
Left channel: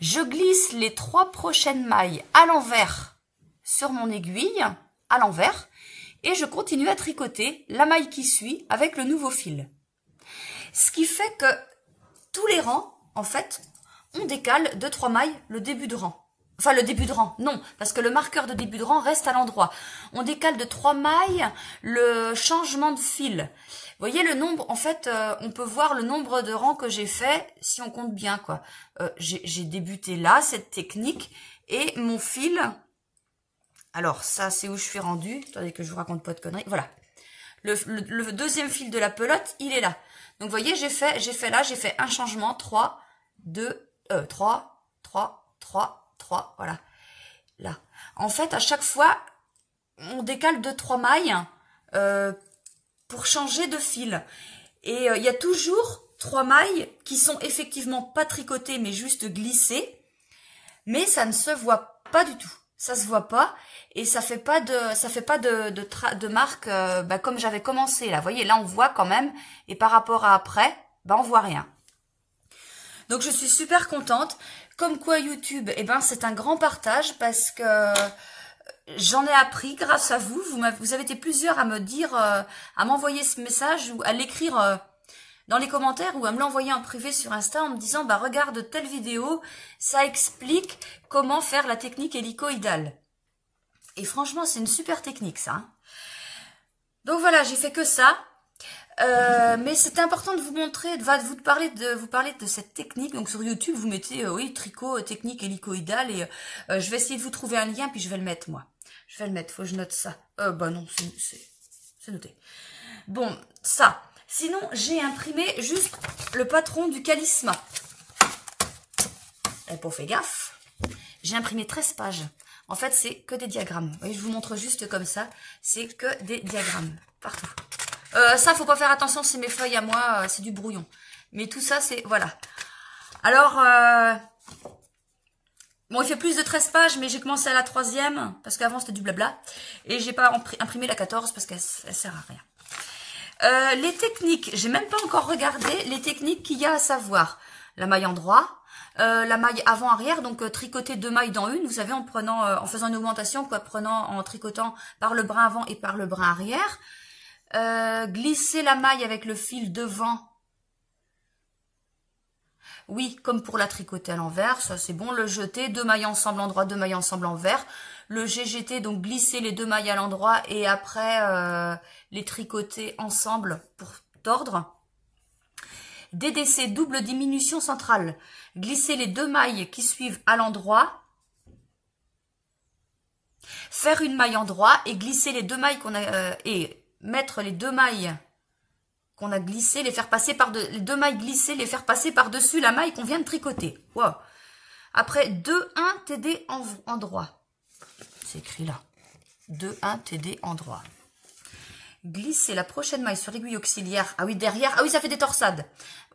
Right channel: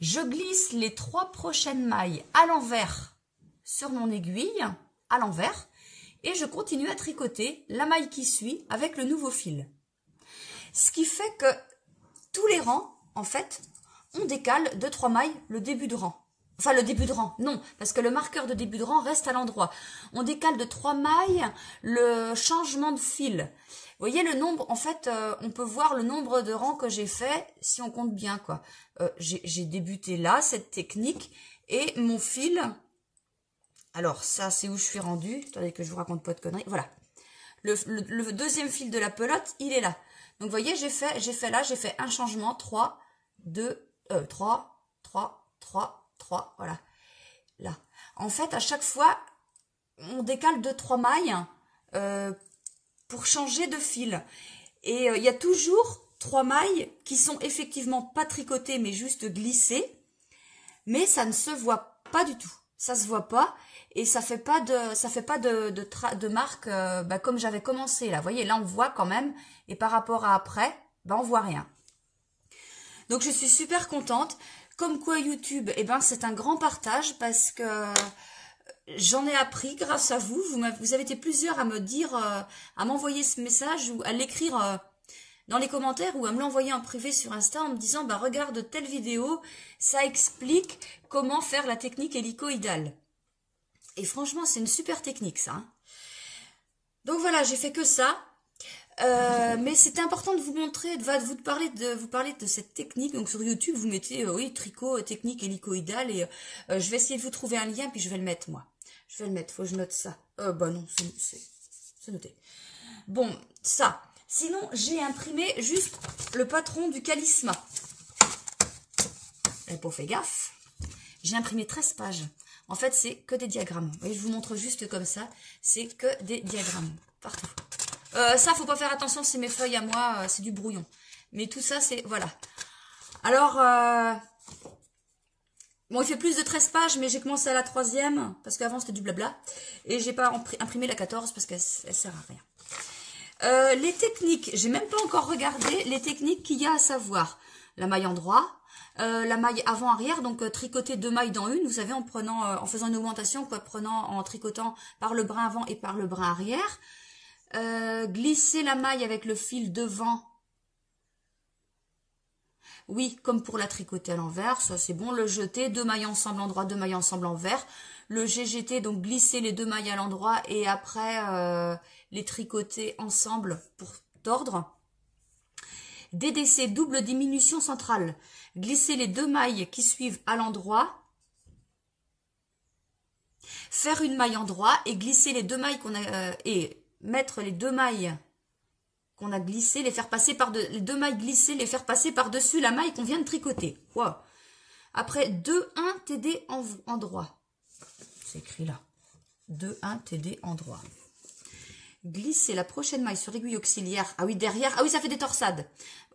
Je glisse les 3 prochaines mailles à l'envers sur mon aiguille, à l'envers. Et je continue à tricoter la maille qui suit avec le nouveau fil. Ce qui fait que tous les rangs, en fait, on décale de 3 mailles le début de rang. Enfin, le début de rang, non, parce que le marqueur de début de rang reste à l'endroit. On décale de 3 mailles le changement de fil. Vous voyez le nombre, en fait, on peut voir le nombre de rangs que j'ai fait si on compte bien, quoi. J'ai débuté là, cette technique, et mon fil... Alors, ça, c'est où je suis rendue. Attendez que je vous raconte pas de conneries. Voilà. Le deuxième fil de la pelote, il est là. Donc, vous voyez, j'ai fait un changement. 3, 2, 3, 3, 3, 3, voilà, là. En fait, à chaque fois, on décale 2-3 mailles pour changer de fil. Et il y a toujours 3 mailles qui sont effectivement pas tricotées, mais juste glissées. Mais ça ne se voit pas du tout. Ça se voit pas et ça fait pas de marque comme j'avais commencé là. Vous voyez, là on voit quand même et par rapport à après, on voit rien. Donc je suis super contente. Comme quoi YouTube, c'est un grand partage parce que j'en ai appris grâce à vous. Vous avez été plusieurs à me dire, à m'envoyer ce message ou à l'écrire dans les commentaires ou à me l'envoyer en privé sur Insta en me disant regarde telle vidéo, ça explique comment faire la technique hélicoïdale. Et franchement, c'est une super technique ça. Hein. Donc voilà, j'ai fait que ça. Mais c'était important de vous montrer, de vous parler de cette technique. Donc sur YouTube, vous mettez oui, tricot, technique hélicoïdale et je vais essayer de vous trouver un lien puis je vais le mettre moi. Je vais le mettre, faut que je note ça. Non, c'est noté. Bon, ça. Sinon, j'ai imprimé juste le patron du Calisma. Et pour faire gaffe, j'ai imprimé 13 pages. En fait, c'est que des diagrammes. Vous voyez, je vous montre juste comme ça. C'est que des diagrammes partout. Ça, faut pas faire attention, c'est mes feuilles à moi, c'est du brouillon. Mais tout ça, c'est... Voilà. Alors, bon, il fait plus de 13 pages, mais j'ai commencé à la 3e, parce qu'avant, c'était du blabla. Et j'ai pas imprimé la 14, parce qu'elle sert à rien. Les techniques, j'ai même pas encore regardé les techniques qu'il y a à savoir. La maille en droit, la maille avant-arrière, donc tricoter 2 mailles dans une, vous savez, en faisant une augmentation, quoi, en tricotant par le brin avant et par le brin arrière. Glisser la maille avec le fil devant. Oui, comme pour la tricoter à l'envers, ça c'est bon. Le jeter, 2 mailles ensemble en droit, 2 mailles ensemble envers. Le GGT, donc glisser les 2 mailles à l'endroit et après les tricoter ensemble pour tordre. DDC, double diminution centrale. Glisser les 2 mailles qui suivent à l'endroit. Faire une maille en droit et glisser les 2 mailles qu'on a... mettre les 2 mailles qu'on a glissées, les faire passer les 2 mailles glissées, les faire passer par-dessus la maille qu'on vient de tricoter. Wow. Après, 2-1 TD en droit. C'est écrit là. 2-1 TD en droit. Glisser la prochaine maille sur l'aiguille auxiliaire. Ah oui, derrière. Ah oui, ça fait des torsades.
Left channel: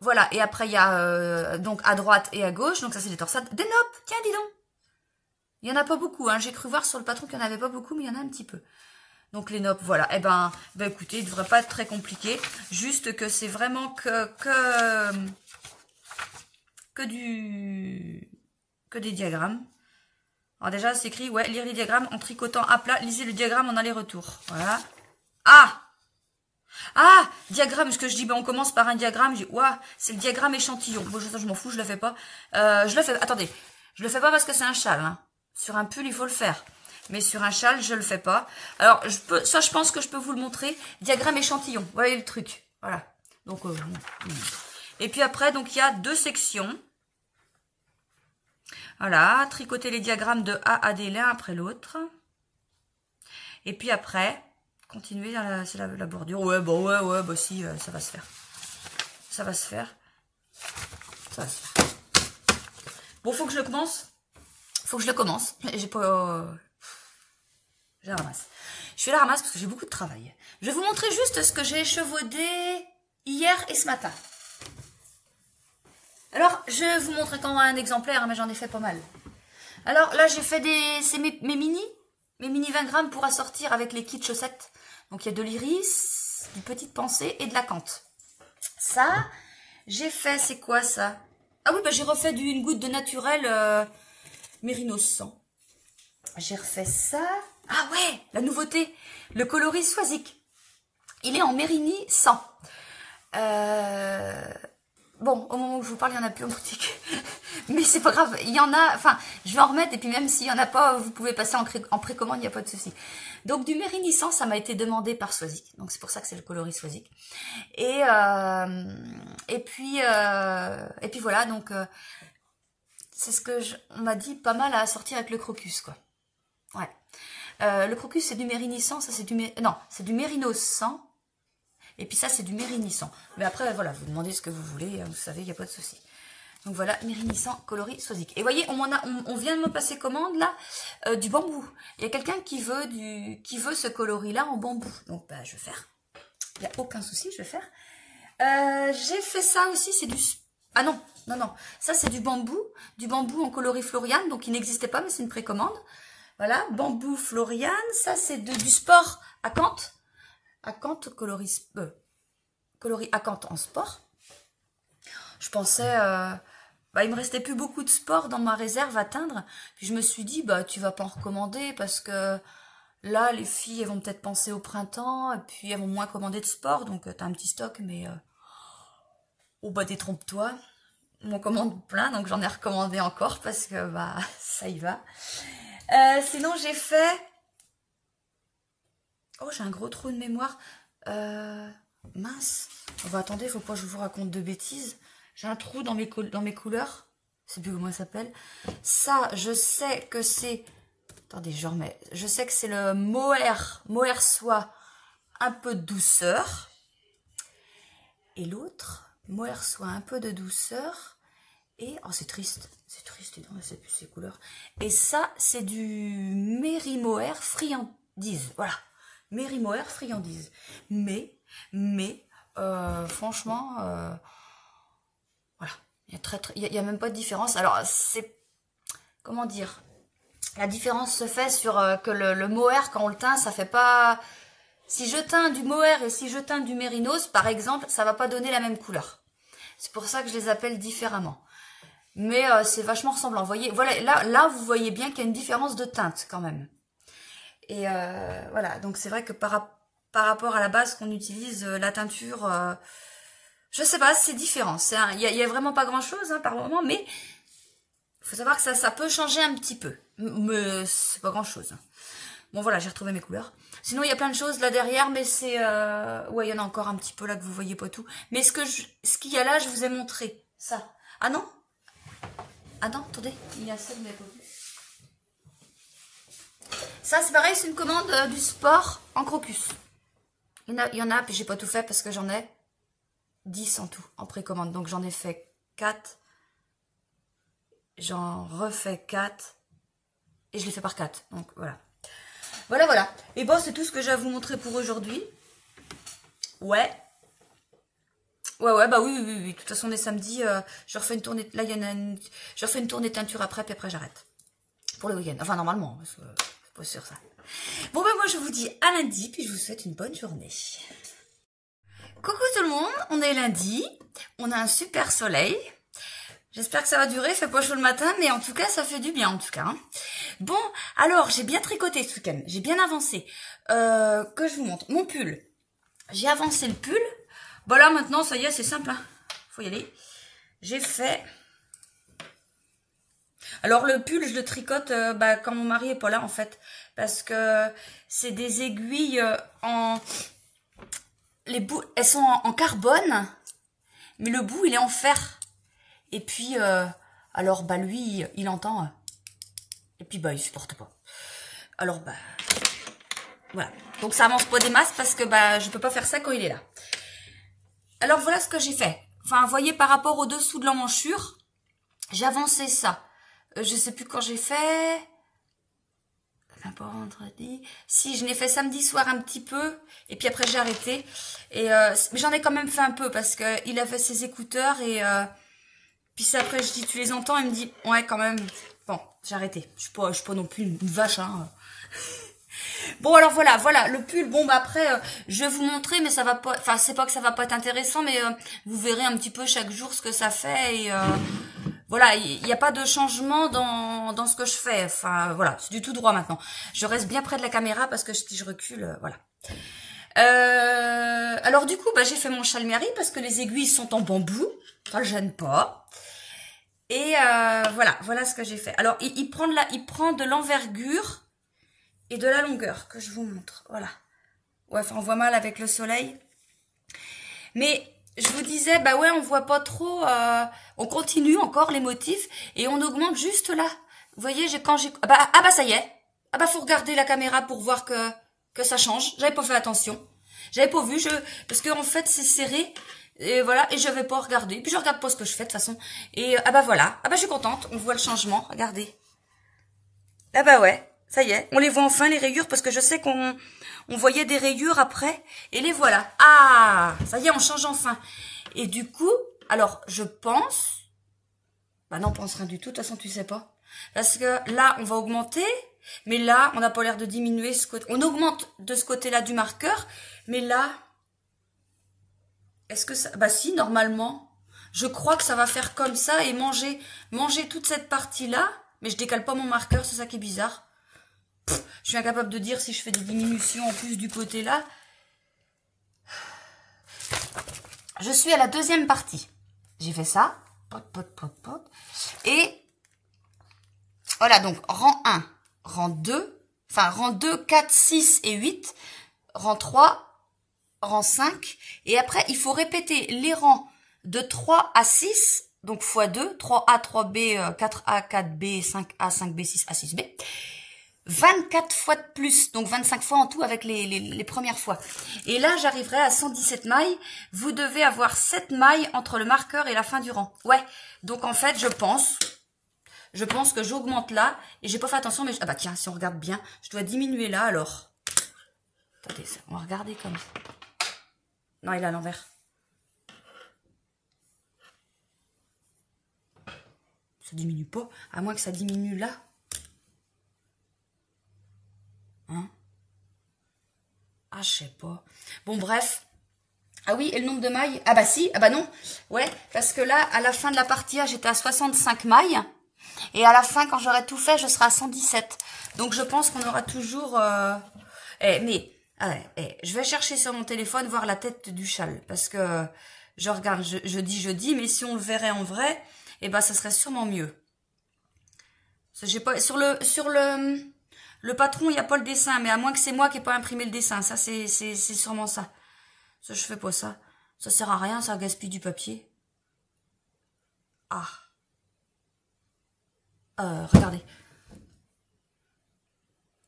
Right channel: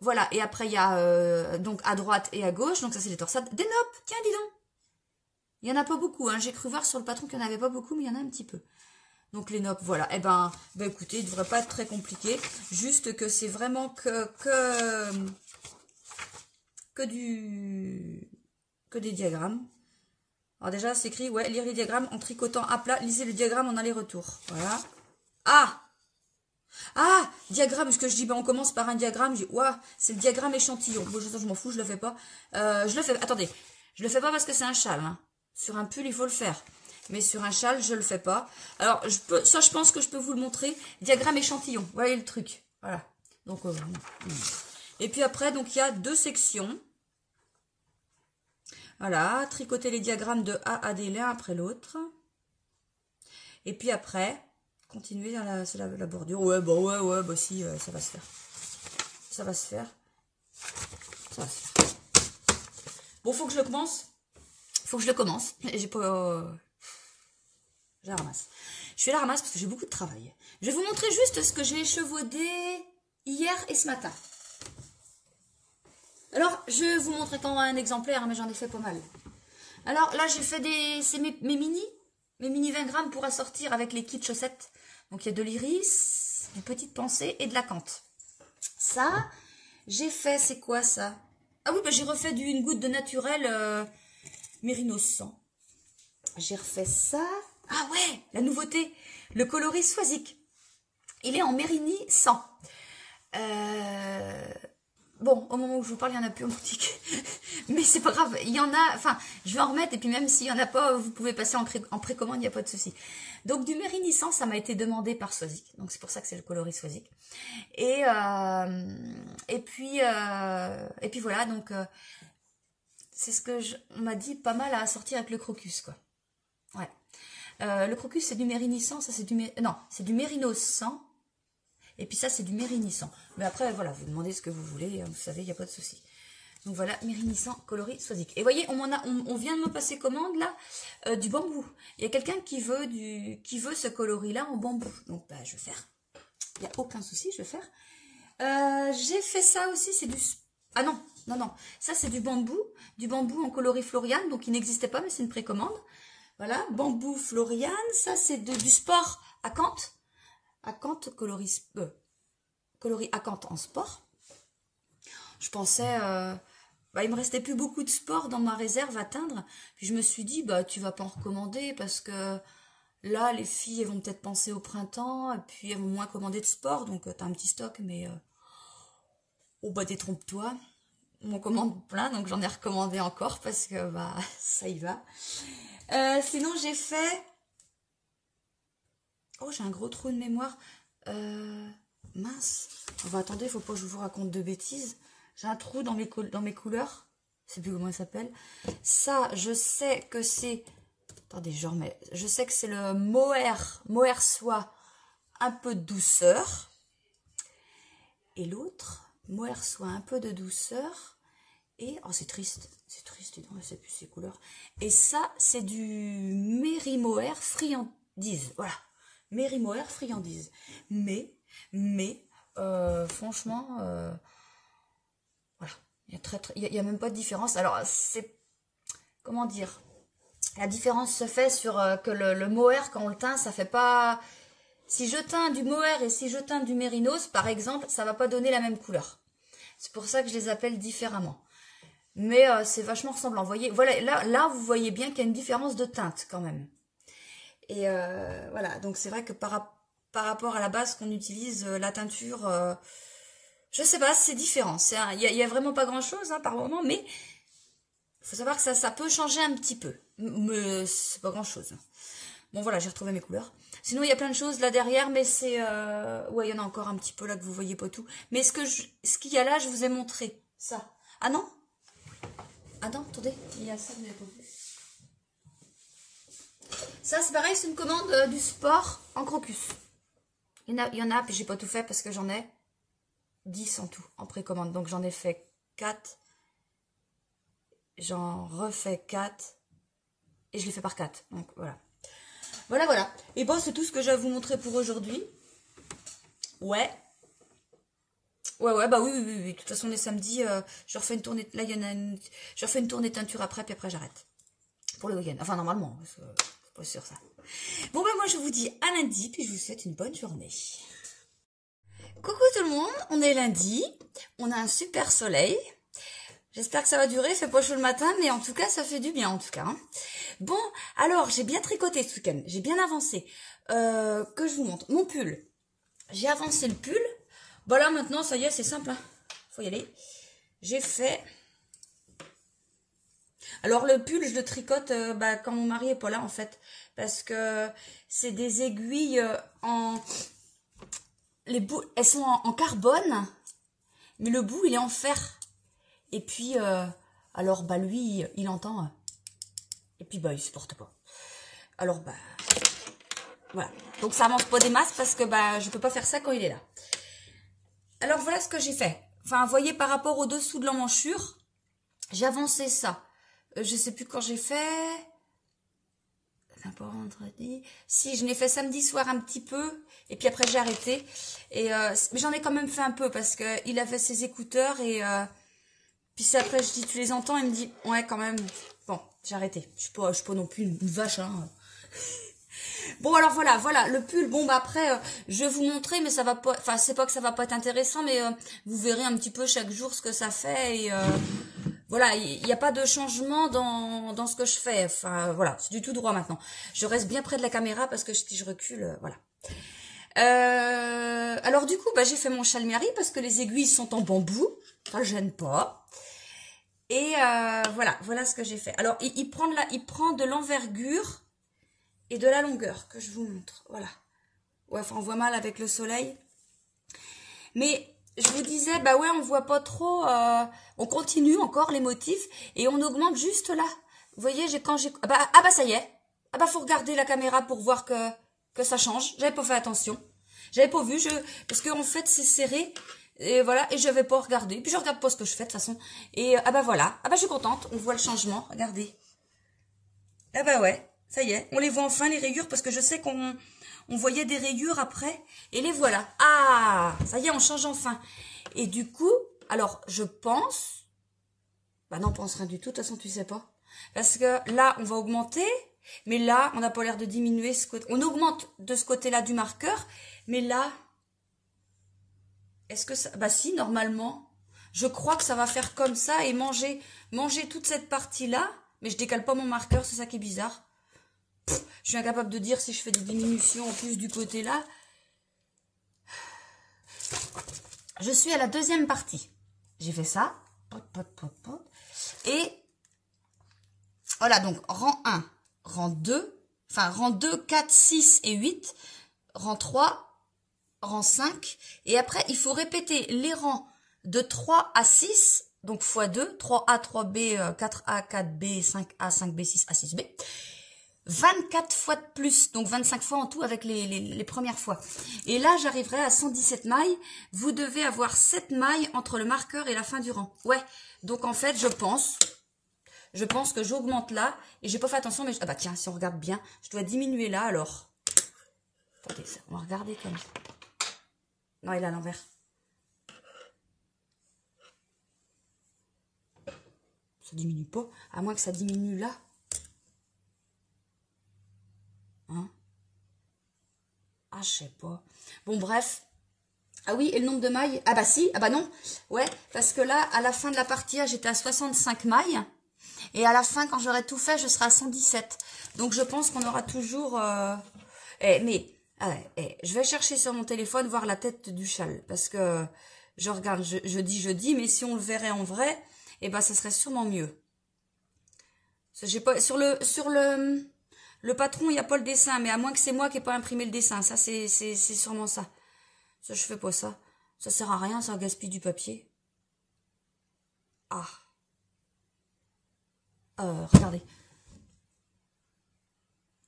Voilà. Et après, il y a donc à droite et à gauche. Donc ça, c'est des torsades. Des nopes. Tiens, dis donc. Il n'y en a pas beaucoup. Hein. J'ai cru voir sur le patron qu'il n'y en avait pas beaucoup, mais il y en a un petit peu. Donc les nopes, voilà. Eh ben écoutez, il ne devrait pas être très compliqué. Juste que c'est vraiment que des diagrammes. Alors déjà, c'est écrit, ouais, lire les diagrammes en tricotant à plat, lisez le diagramme en aller-retour. Voilà. Ah, diagramme, ce que je dis, on commence par un diagramme, je dis, ouah, c'est le diagramme échantillon. Bon, je m'en fous, je le fais pas. Attendez, je le fais pas parce que c'est un châle. Hein. Sur un pull, il faut le faire. Mais sur un châle, je le fais pas. Alors, je pense que je peux vous le montrer. Diagramme échantillon. Vous voyez le truc. Voilà. Donc, et puis après, donc il y a 2 sections. Voilà. Tricoter les diagrammes de A à D l'un après l'autre. Et puis après, continuer dans la bordure. Ouais, si, ça va se faire. Ça va se faire. Ça va se faire. Bon, faut que je le commence. J'ai pas... Je la ramasse. Je fais la ramasse parce que j'ai beaucoup de travail. Je vais vous montrer juste ce que j'ai échevaudé hier et ce matin. Alors, je vous montre quand un exemplaire, mais j'en ai fait pas mal. Alors là, j'ai fait c'est mes mini 20 grammes pour assortir avec les kits chaussettes. Donc il y a de l'iris, du petite pensée et de la cante. Ça, j'ai fait, c'est quoi ça? Ah oui, bah j'ai refait une goutte de naturel Mérinos 100. J'ai refait ça. Ah ouais, la nouveauté, le coloris Swazik. Il est en Mérini 100. Bon, au moment où je vous parle, il n'y en a plus en boutique. Mais c'est pas grave, il y en a, enfin, je vais en remettre, et puis même s'il n'y en a pas, vous pouvez passer en précommande, il n'y a pas de souci. Donc du Mérini 100, ça m'a été demandé par Swazik. Donc c'est pour ça que c'est le coloris Swazik. Et puis voilà, donc c'est ce que on m'a dit pas mal à assortir avec le crocus, quoi. Ouais. Le crocus, c'est du Mérini 100, ça c'est c'est du Mérinos 100. Et puis ça, c'est du Mérini 100. Mais après, voilà, vous demandez ce que vous voulez, vous savez, il n'y a pas de souci. Donc voilà, Mérini 100, coloris Swazik. Et vous voyez, on vient de me passer commande, là, du bambou. Il y a quelqu'un qui veut ce coloris-là en bambou. Donc, bah, je vais faire. Il n'y a aucun souci, je vais faire. J'ai fait ça aussi, c'est du... Ah non, non. Ça, c'est du bambou en coloris Florian. Donc, il n'existait pas, mais c'est une précommande. Voilà, bambou Florian. Ça, c'est du sport acanthe. Acanthe, coloris acanthe en sport. Je pensais, il me restait plus beaucoup de sport dans ma réserve à teindre. Puis je me suis dit, bah tu vas pas en recommander parce que là, les filles, elles vont peut-être penser au printemps et puis elles vont moins commander de sport. Donc tu as un petit stock, mais oh bah détrompe-toi. On commande plein, donc j'en ai recommandé encore parce que bah ça y va. Sinon j'ai fait... Oh, j'ai un gros trou de mémoire. Mince. Oh, bah, attendez, faut pas que je vous raconte de bêtises. J'ai un trou dans mes couleurs. Je sais plus comment ça s'appelle. Ça, je sais que c'est... Attendez, je remets. Je sais que c'est le Mohair soie, un peu de douceur. Et l'autre, Mohair soie, un peu de douceur. Et... Oh, c'est triste. C'est triste, non, je sais plus ces couleurs. Et ça, c'est du Mérimohair friandise. Voilà. Mérimohair friandise. Mais franchement, voilà, il y a même pas de différence. Alors, c'est, comment dire, la différence se fait sur que le mohair, quand on le teint, ça fait pas... Si je teins du mohair et si je teins du mérinos, par exemple, ça va pas donner la même couleur. C'est pour ça que je les appelle différemment. Mais c'est vachement ressemblant. Vous voyez, voilà, là, vous voyez bien qu'il y a une différence de teinte quand même. Et voilà, donc c'est vrai que par rapport à la base qu'on utilise, la teinture, je sais pas, c'est différent. Il y a vraiment pas grand-chose par moment, mais il faut savoir que ça peut changer un petit peu. Mais c'est pas grand-chose. Bon voilà, j'ai retrouvé mes couleurs. Sinon, il y a plein de choses là derrière, mais c'est... ouais, il y en a encore un petit peu là que vous voyez pas tout. Mais ce qu'il y a là, je vous ai montré. Ça. Ah non? Ah non, attendez, il y a ça de mes côtés. Ça, c'est pareil, c'est une commande du sport en crocus. Il y en a, puis j'ai pas tout fait parce que j'en ai 10 en tout, en précommande. Donc j'en ai fait 4. J'en refais 4. Et je les fais par 4. Donc voilà. Voilà. Et bon, c'est tout ce que j'ai à vous montrer pour aujourd'hui. Ouais, bah oui. De toute façon, on est samedi. Je refais une tournée. Là, il y en a une. Je refais une tournée teinture après, puis après, j'arrête. Pour le week-end. Enfin, normalement. Parce que c'est pas sûr ça. Bon, ben moi, je vous dis à lundi, puis je vous souhaite une bonne journée. Coucou tout le monde, on est lundi. On a un super soleil. J'espère que ça va durer. Il fait pas chaud le matin, mais en tout cas, ça fait du bien, en tout cas. Bon, alors, j'ai bien tricoté ce week-end. J'ai bien avancé. Que je vous montre. Mon pull. J'ai avancé le pull. Bon là maintenant ça y est, c'est simple, faut y aller. J'ai fait... Alors le pull je le tricote quand mon mari est pas là en fait. Parce que c'est des aiguilles les bouts, elles sont en carbone. Mais le bout il est en fer. Et puis alors bah lui il entend. Et puis bah il supporte pas. Alors bah voilà. Donc ça avance pas des masses parce que bah je peux pas faire ça quand il est là. Alors voilà ce que j'ai fait. Enfin, vous voyez, par rapport au dessous de l'emmanchure, j'ai avancé ça. Je sais plus quand j'ai fait. Pas vendredi. Si, je l'ai fait samedi soir un petit peu. Et puis après, j'ai arrêté. Et j'en ai quand même fait un peu parce que il a fait ses écouteurs. Et puis c'est après, je dis, tu les entends? Il me dit, ouais, quand même. Bon, j'ai arrêté. Je suis pas non plus une vache, hein. Bon, alors voilà, le pull, bon, bah après, je vais vous montrer, mais ça va pas, enfin, c'est pas que ça va pas être intéressant, mais vous verrez un petit peu chaque jour ce que ça fait, et voilà, il n'y a pas de changement dans ce que je fais, enfin, voilà, c'est du tout droit maintenant. Je reste bien près de la caméra, parce que si je recule, voilà. Alors du coup, bah, j'ai fait mon châle mairie, parce que les aiguilles sont en bambou, ça ne gêne pas. Et voilà ce que j'ai fait. Alors, il prend de l'envergure et de la longueur que je vous montre. Voilà. Ouais, enfin, on voit mal avec le soleil. Mais je vous disais, bah ouais, on voit pas trop. On continue encore les motifs et on augmente juste là. Vous voyez, ah bah ça y est. Ah bah faut regarder la caméra pour voir que ça change. J'avais pas fait attention. J'avais pas vu. Parce que en fait c'est serré. Et voilà, et je vais pas regarder. Puis je regarde pas ce que je fais de toute façon. Et ah bah voilà. Ah bah je suis contente. On voit le changement. Regardez. Ah bah ouais. Ça y est, on les voit enfin les rayures parce que je sais qu'on voyait des rayures après et les voilà. Ah, ça y est, on change enfin. Et du coup, alors je pense, bah non, on pense rien du tout, de toute façon tu sais pas. Parce que là, on va augmenter, mais là, on n'a pas l'air de diminuer ce côté. On augmente de ce côté-là du marqueur, mais là, est-ce que ça... Bah si, normalement, je crois que ça va faire comme ça et manger toute cette partie-là, mais je décale pas mon marqueur, c'est ça qui est bizarre. Je suis incapable de dire si je fais des diminutions en plus du côté là. Je suis à la deuxième partie. J'ai fait ça. Et voilà, donc rang 1, rang 2, enfin rang 2, 4, 6 et 8, rang 3, rang 5. Et après, il faut répéter les rangs de 3 à 6, donc x 2, 3A, 3B, 4A, 4B, 5A, 5B, 6A, 6B. 24 fois de plus, donc 25 fois en tout avec les premières fois. Et là, j'arriverai à 117 mailles. Vous devez avoir 7 mailles entre le marqueur et la fin du rang. Ouais, donc en fait, je pense que j'augmente là. Et j'ai pas fait attention, mais... Ah bah tiens, si on regarde bien, je dois diminuer là alors. Attendez, on va regarder comme ça. Non, il est à l'envers. Ça diminue pas, à moins que ça diminue là. Hein? Ah, je sais pas. Bon, bref. Ah oui, et le nombre de mailles? Ah bah si, ah bah non. Ouais, parce que là, à la fin de la partie A, j'étais à 65 mailles. Et à la fin, quand j'aurai tout fait, je serai à 117. Donc, je pense qu'on aura toujours... je vais chercher sur mon téléphone, voir la tête du châle. Parce que je regarde, je dis, mais si on le verrait en vrai, eh ben, ça serait sûrement mieux. J'ai pas, sur le patron, il n'y a pas le dessin, mais à moins que c'est moi qui n'ai pas imprimé le dessin. Ça, c'est sûrement ça. Ça, je fais pas ça. Ça sert à rien, ça gaspille du papier. Ah. Regardez.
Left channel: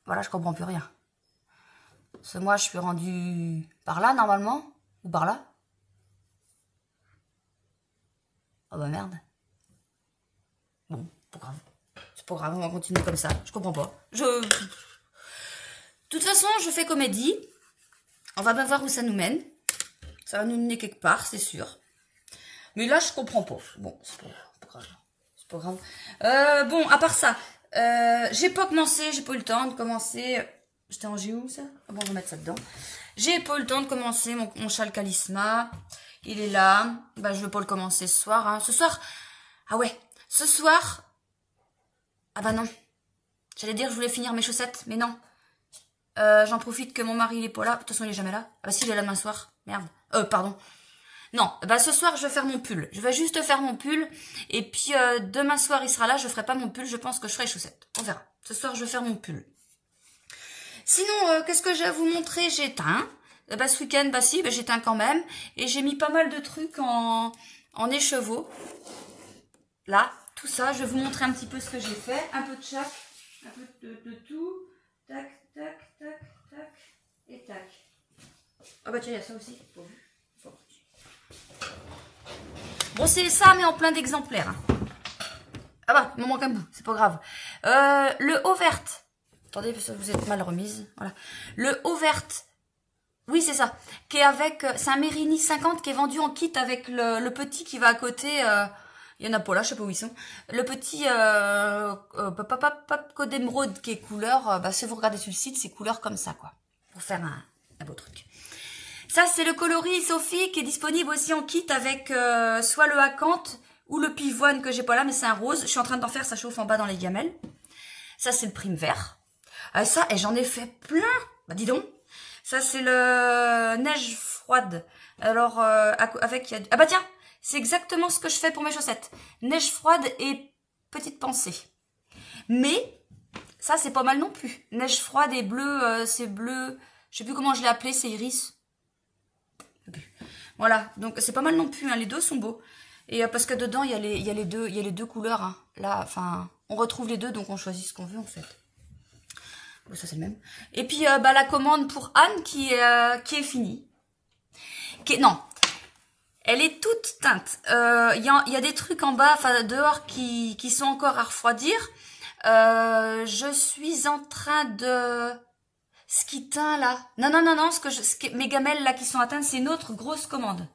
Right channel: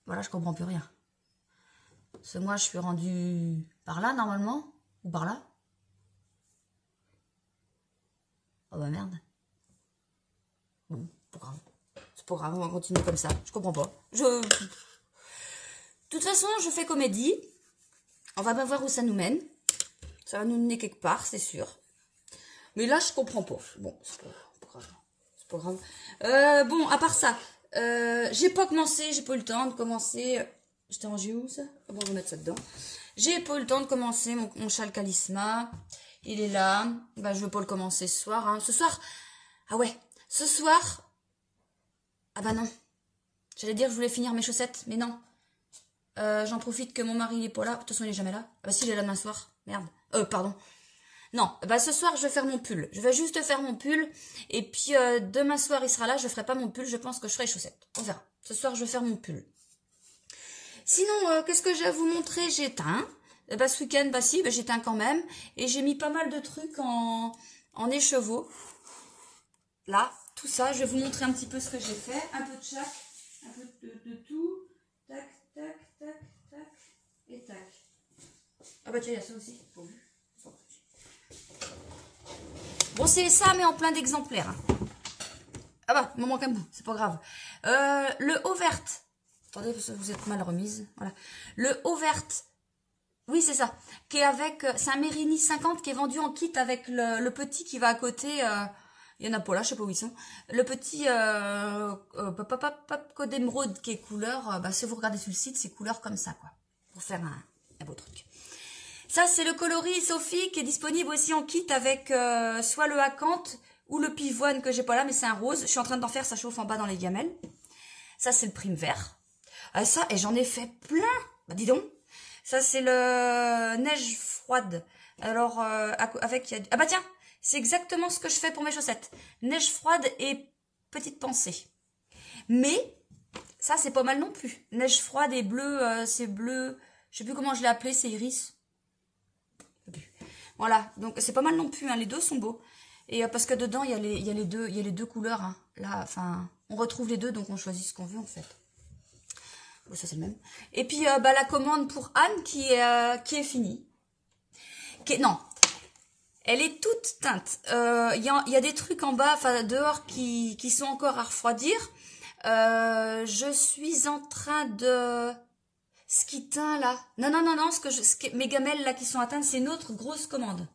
Voilà, je comprends plus rien. Parce que moi, je suis rendue par là, normalement. Ou par là. Oh bah merde. Bon, pas grave. C'est pas grave, on va continuer comme ça. Je comprends pas. De toute façon, je fais comédie. On va bien voir où ça nous mène. Ça va nous mener quelque part, c'est sûr. Mais là, je comprends pas. Bon, c'est pas grave. C'est pas grave. Bon, à part ça, j'ai pas commencé, j'ai pas eu le temps de commencer. J'étais rangé où ça? Ah bon, on va mettre ça dedans. J'ai pas eu le temps de commencer mon châle Calisma. Il est là. Bah, je veux pas le commencer ce soir. Hein. Ce soir, ah ouais, ce soir. Ah bah non. J'allais dire que je voulais finir mes chaussettes, mais non. J'en profite que mon mari il est pas là. De toute façon, il est jamais là. Ah bah si, il est là demain soir. Merde. Pardon. Non, bah ce soir, je vais faire mon pull. Je vais juste faire mon pull. Et puis, demain soir, il sera là. Je ferai pas mon pull. Je pense que je ferai les chaussettes. On verra. Ce soir, je vais faire mon pull. Sinon, qu'est-ce que je vais vous montrer? J'ai éteint. Bah, ce week-end, bah si, bah, j'ai éteint quand même. Et j'ai mis pas mal de trucs en écheveau. Là, tout ça. Je vais vous montrer un petit peu ce que j'ai fait. Un peu de chaque. Un peu de tout. Tac, tac, tac, tac. Et tac. Ah bah tiens, il y a ça aussi. Bon, c'est ça, mais en plein d'exemplaires. Hein. Ah bah, il me manque un bout, c'est pas grave. Le haut vert. Attendez, parce que vous êtes mal remise. Voilà. Le haut vert. Oui, c'est ça. Qui est avec... c'est un Mérini 50 qui est vendu en kit avec le petit qui va à côté. Il y en a pas là, je sais pas où ils sont. Le petit Code d'émeraude qui est couleur, si vous regardez sur le site, c'est couleur comme ça, quoi. Pour faire un beau truc. Ça, c'est le coloris Sophie qui est disponible aussi en kit avec soit le acanthe ou le pivoine que j'ai pas là, mais c'est un rose. Je suis en train d'en faire, ça chauffe en bas dans les gamelles. Ça, c'est le prime vert. Ça, et j'en ai fait plein. Bah, dis donc. Ça, c'est le neige froide. Alors, avec... Ah bah tiens, c'est exactement ce que je fais pour mes chaussettes. Neige froide et petite pensée. Mais, ça, c'est pas mal non plus. Neige froide et bleu, c'est bleu... Je sais plus comment je l'ai appelé, c'est iris. Voilà, donc c'est pas mal non plus, hein, les deux sont beaux. Et parce que dedans, il y a les deux couleurs. Hein. Là, enfin, on retrouve les deux, donc on choisit ce qu'on veut en fait. Bon, ça c'est le même. Et puis la commande pour Anne qui est finie. Non, elle est toute teinte. Il y a des trucs en bas, enfin dehors, qui sont encore à refroidir. Je suis en train de... Ce qui teint là. Non, mes gamelles là qui sont atteintes, c'est une autre grosse commande.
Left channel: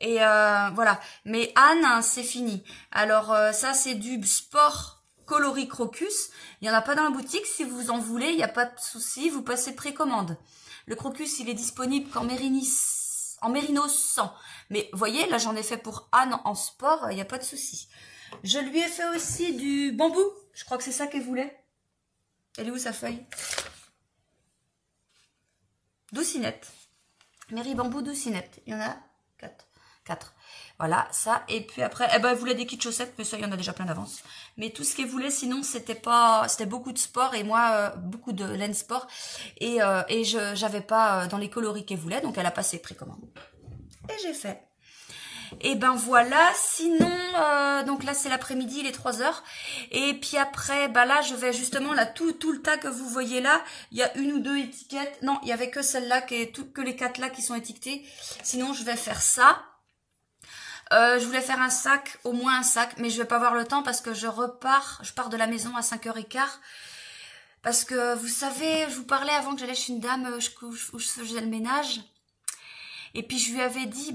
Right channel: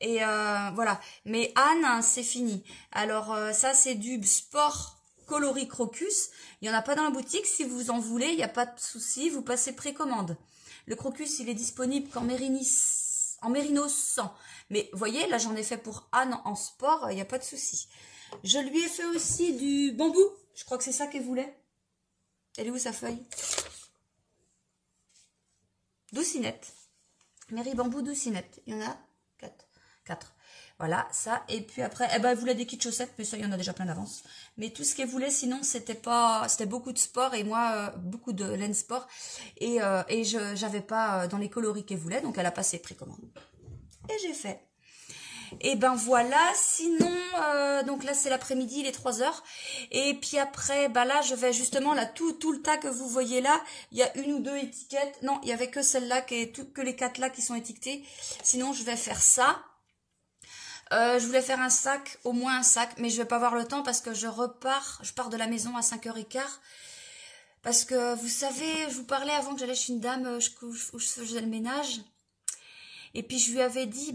Et voilà. Mais Anne, hein, c'est fini. Alors ça, c'est du sport coloris crocus. Il n'y en a pas dans la boutique. Si vous en voulez, il n'y a pas de souci. Vous passez précommande. Le crocus, il est disponible qu'en mérino 100. Mais vous voyez, là, j'en ai fait pour Anne en sport. Il n'y a pas de souci. Je lui ai fait aussi du bambou. Je crois que c'est ça qu'elle voulait. Elle est où sa feuille? Doucinette. Mairie Bambou Doucinette. Il y en a 4. Voilà, ça. Et puis après, elle voulait des kits chaussettes, mais ça, il y en a déjà plein d'avance. Mais tout ce qu'elle voulait, sinon, c'était beaucoup de sport et moi, beaucoup de laine sport. Et j'avais pas dans les coloris qu'elle voulait, donc elle a passé précommande. Et j'ai fait. Et ben voilà, sinon, donc là c'est l'après-midi, il est 3 heures. Et puis après, là je vais justement, là tout le tas que vous voyez là, il y a 1 ou 2 étiquettes. Non, il y avait que celle-là, que les 4 là qui sont étiquetées. Sinon je vais faire ça. Je voulais faire un sac, au moins un sac, mais je vais pas avoir le temps parce que je pars de la maison à 5h15. Parce que vous savez, je vous parlais avant que j'allais chez une dame où je faisais le ménage. Et puis je lui avais dit,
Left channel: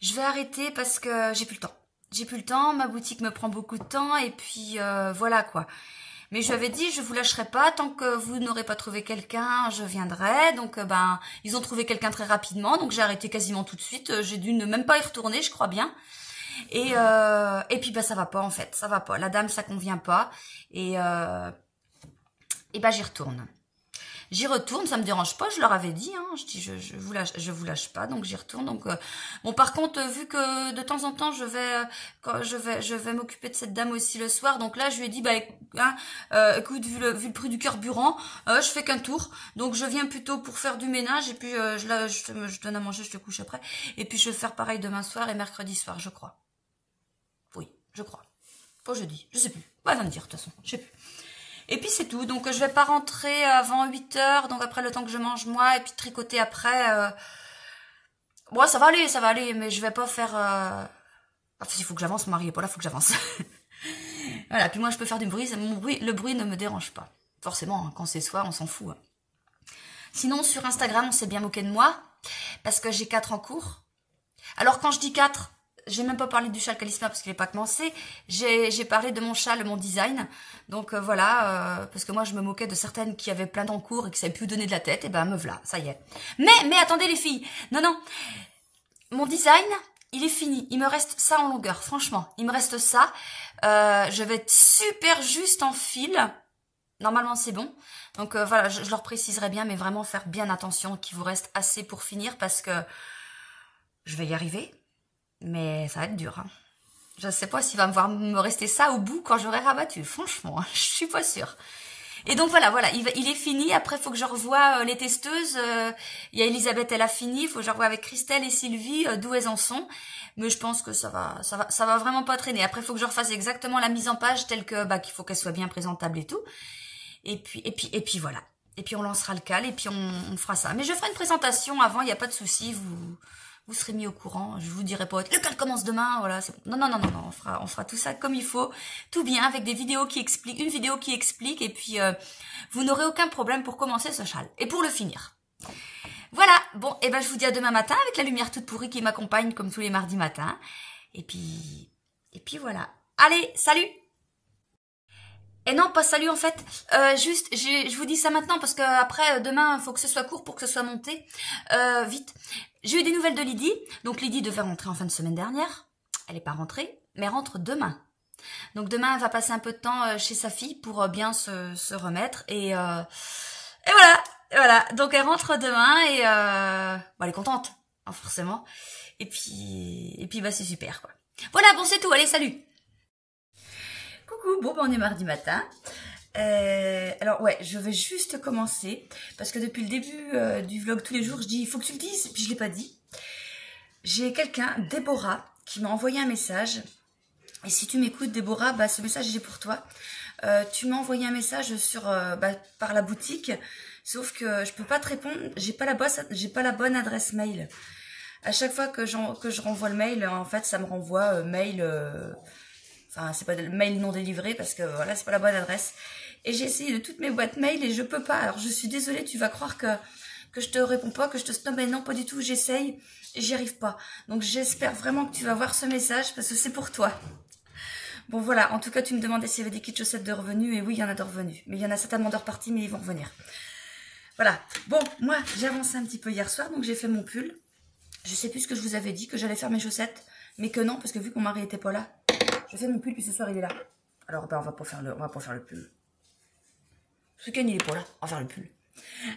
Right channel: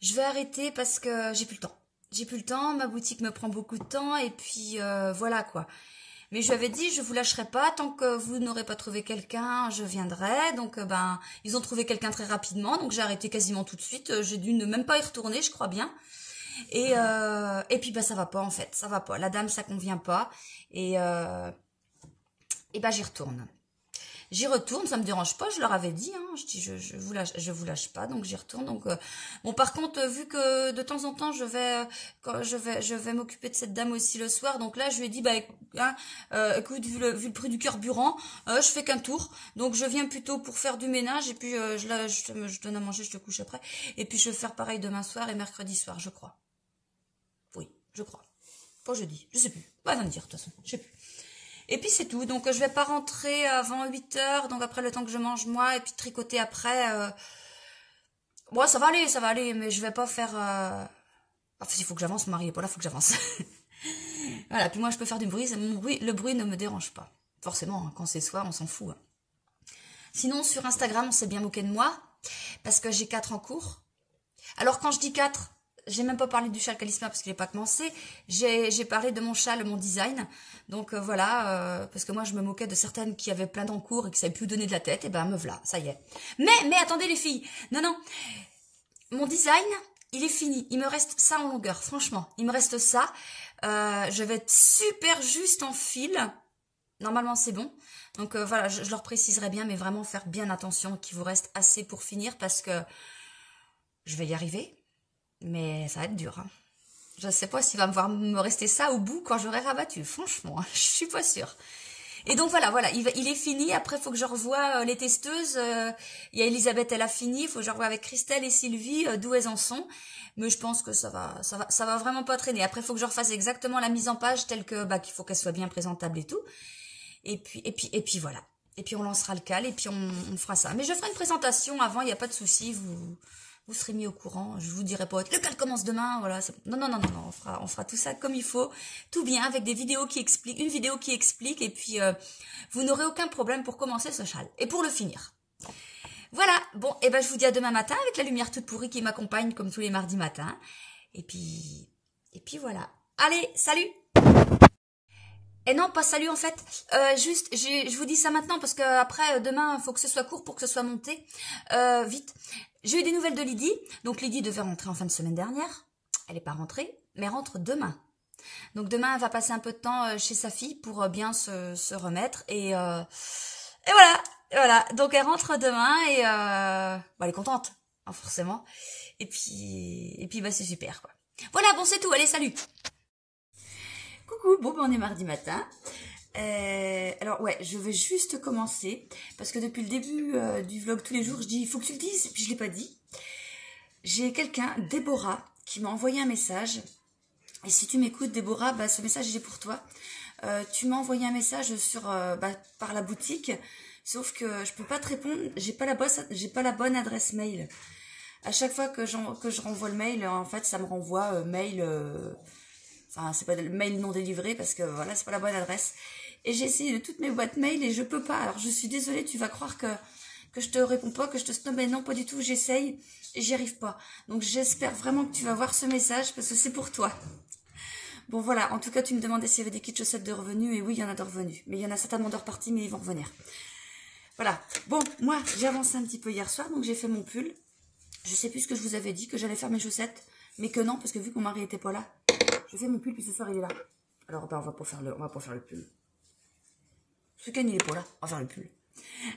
je vais arrêter parce que j'ai plus le temps. J'ai plus le temps, ma boutique me prend beaucoup de temps et puis voilà quoi. Mais je lui avais dit, je vous lâcherai pas tant que vous n'aurez pas trouvé quelqu'un, je viendrai. Donc ils ont trouvé quelqu'un très rapidement, donc j'ai arrêté quasiment tout de suite. J'ai dû ne même pas y retourner, je crois bien. Et puis ça va pas en fait, ça va pas. La dame ça convient pas et j'y retourne. J'y retourne, ça me dérange pas, je leur avais dit, hein, je dis je vous lâche pas, donc j'y retourne. Donc bon, par contre, vu que de temps en temps je vais m'occuper de cette dame aussi le soir, donc là je lui ai dit écoute, vu le prix du carburant, je fais qu'un tour, donc je viens plutôt pour faire du ménage et puis je donne à manger, je te couche après, et puis je vais faire pareil demain soir et mercredi soir, je crois. Oui, je crois. Pas jeudi, je sais plus. Va me dire de toute façon, je sais plus. Et puis c'est tout, donc je vais pas rentrer avant 8h, donc après le temps que je mange moi, et puis tricoter après. Bon, ça va aller, mais je vais pas faire... il faut que j'avance, mon mari est pas là, il faut que j'avance. Voilà, puis moi je peux faire du bruit, le bruit ne me dérange pas. Forcément, hein, quand c'est soir, on s'en fout. Hein. Sinon, sur Instagram, on s'est bien moqué de moi, parce que j'ai 4 en cours. Alors quand je dis 4... J'ai même pas parlé du châle Calisma parce qu'il n'est pas commencé. J'ai parlé de mon châle, mon design. Donc voilà, parce que moi je me moquais de certaines qui avaient plein d'encours et qui savaient plus donner de la tête. Et me voilà, ça y est. Mais attendez les filles. Non. Mon design, il est fini. Il me reste ça en longueur, franchement. Il me reste ça. Je vais être super juste en fil. Normalement c'est bon. Donc voilà, je leur préciserai bien, mais vraiment faire bien attention qu'il vous reste assez pour finir parce que je vais y arriver. Mais ça va être dur. Hein. Je ne sais pas s'il va me rester ça au bout quand j'aurai rabattu. Franchement, je suis pas sûre. Et donc voilà, il est fini. Après, il faut que je revoie les testeuses. Il y a Elisabeth, elle a fini. Il faut que je revoie avec Christelle et Sylvie d'où elles en sont. Mais je pense que ça va vraiment pas traîner. Après, il faut que je refasse exactement la mise en page telle que qu'il faut qu'elle soit bien présentable et tout. Et puis voilà. Et puis on lancera le cal et puis on fera ça. Mais je ferai une présentation avant. Il n'y a pas de souci. Vous serez mis au courant, je vous dirai pas, le cal commence demain, voilà. Non, on fera tout ça comme il faut, tout bien, avec des vidéos qui expliquent, une vidéo qui explique, et puis vous n'aurez aucun problème pour commencer ce châle, et pour le finir. Voilà, bon, je vous dis à demain matin, avec la lumière toute pourrie qui m'accompagne comme tous les mardis matins, et puis Et puis voilà. Allez, salut! Et non, pas salut en fait. Juste, je vous dis ça maintenant parce que après demain, il faut que ce soit court pour que ce soit monté. Vite. J'ai eu des nouvelles de Lydie. Donc Lydie devait rentrer en fin de semaine dernière. Elle n'est pas rentrée, mais rentre demain. Donc demain, elle va passer un peu de temps chez sa fille pour bien se remettre. Et voilà. Voilà. Donc elle rentre demain et elle est contente, hein, forcément. Et puis bah c'est super quoi. Voilà, bon c'est tout. Allez, salut! Coucou, bon on est mardi matin. Alors ouais, je vais juste commencer parce que depuis le début du vlog tous les jours, je dis il faut que tu le dises, et puis je l'ai pas dit. J'ai quelqu'un, Déborah, qui m'a envoyé un message. Et si tu m'écoutes, Déborah, bah, ce message il est pour toi. Tu m'as envoyé un message sur par la boutique, sauf que je peux pas te répondre. J'ai pas la bonne adresse mail. À chaque fois que je renvoie le mail, en fait, ça me renvoie mail. Enfin, c'est pas le mail non délivré parce que voilà, c'est pas la bonne adresse. Et j'ai essayé de toutes mes boîtes mail et je peux pas. Alors je suis désolée, tu vas croire que je te réponds pas, que je te stoppe, mais non, pas du tout. J'essaye et j'y arrive pas. Donc j'espère vraiment que tu vas voir ce message parce que c'est pour toi. Bon voilà, en tout cas tu me demandais s'il y avait des kits chaussettes de revenus et oui, il y en a de revenus. Mais il y en a certainement de repartis, mais ils vont revenir. Voilà. Bon, moi j'ai avancé un petit peu hier soir, donc j'ai fait mon pull. Je sais plus ce que je vous avais dit, que j'allais faire mes chaussettes, mais que non, parce que vu que mon mari était pas là, je fais mon pull, puis ce soir il est là. Alors ben, on va pas faire le pull. Ce week-end il est pas là, on va faire le pull.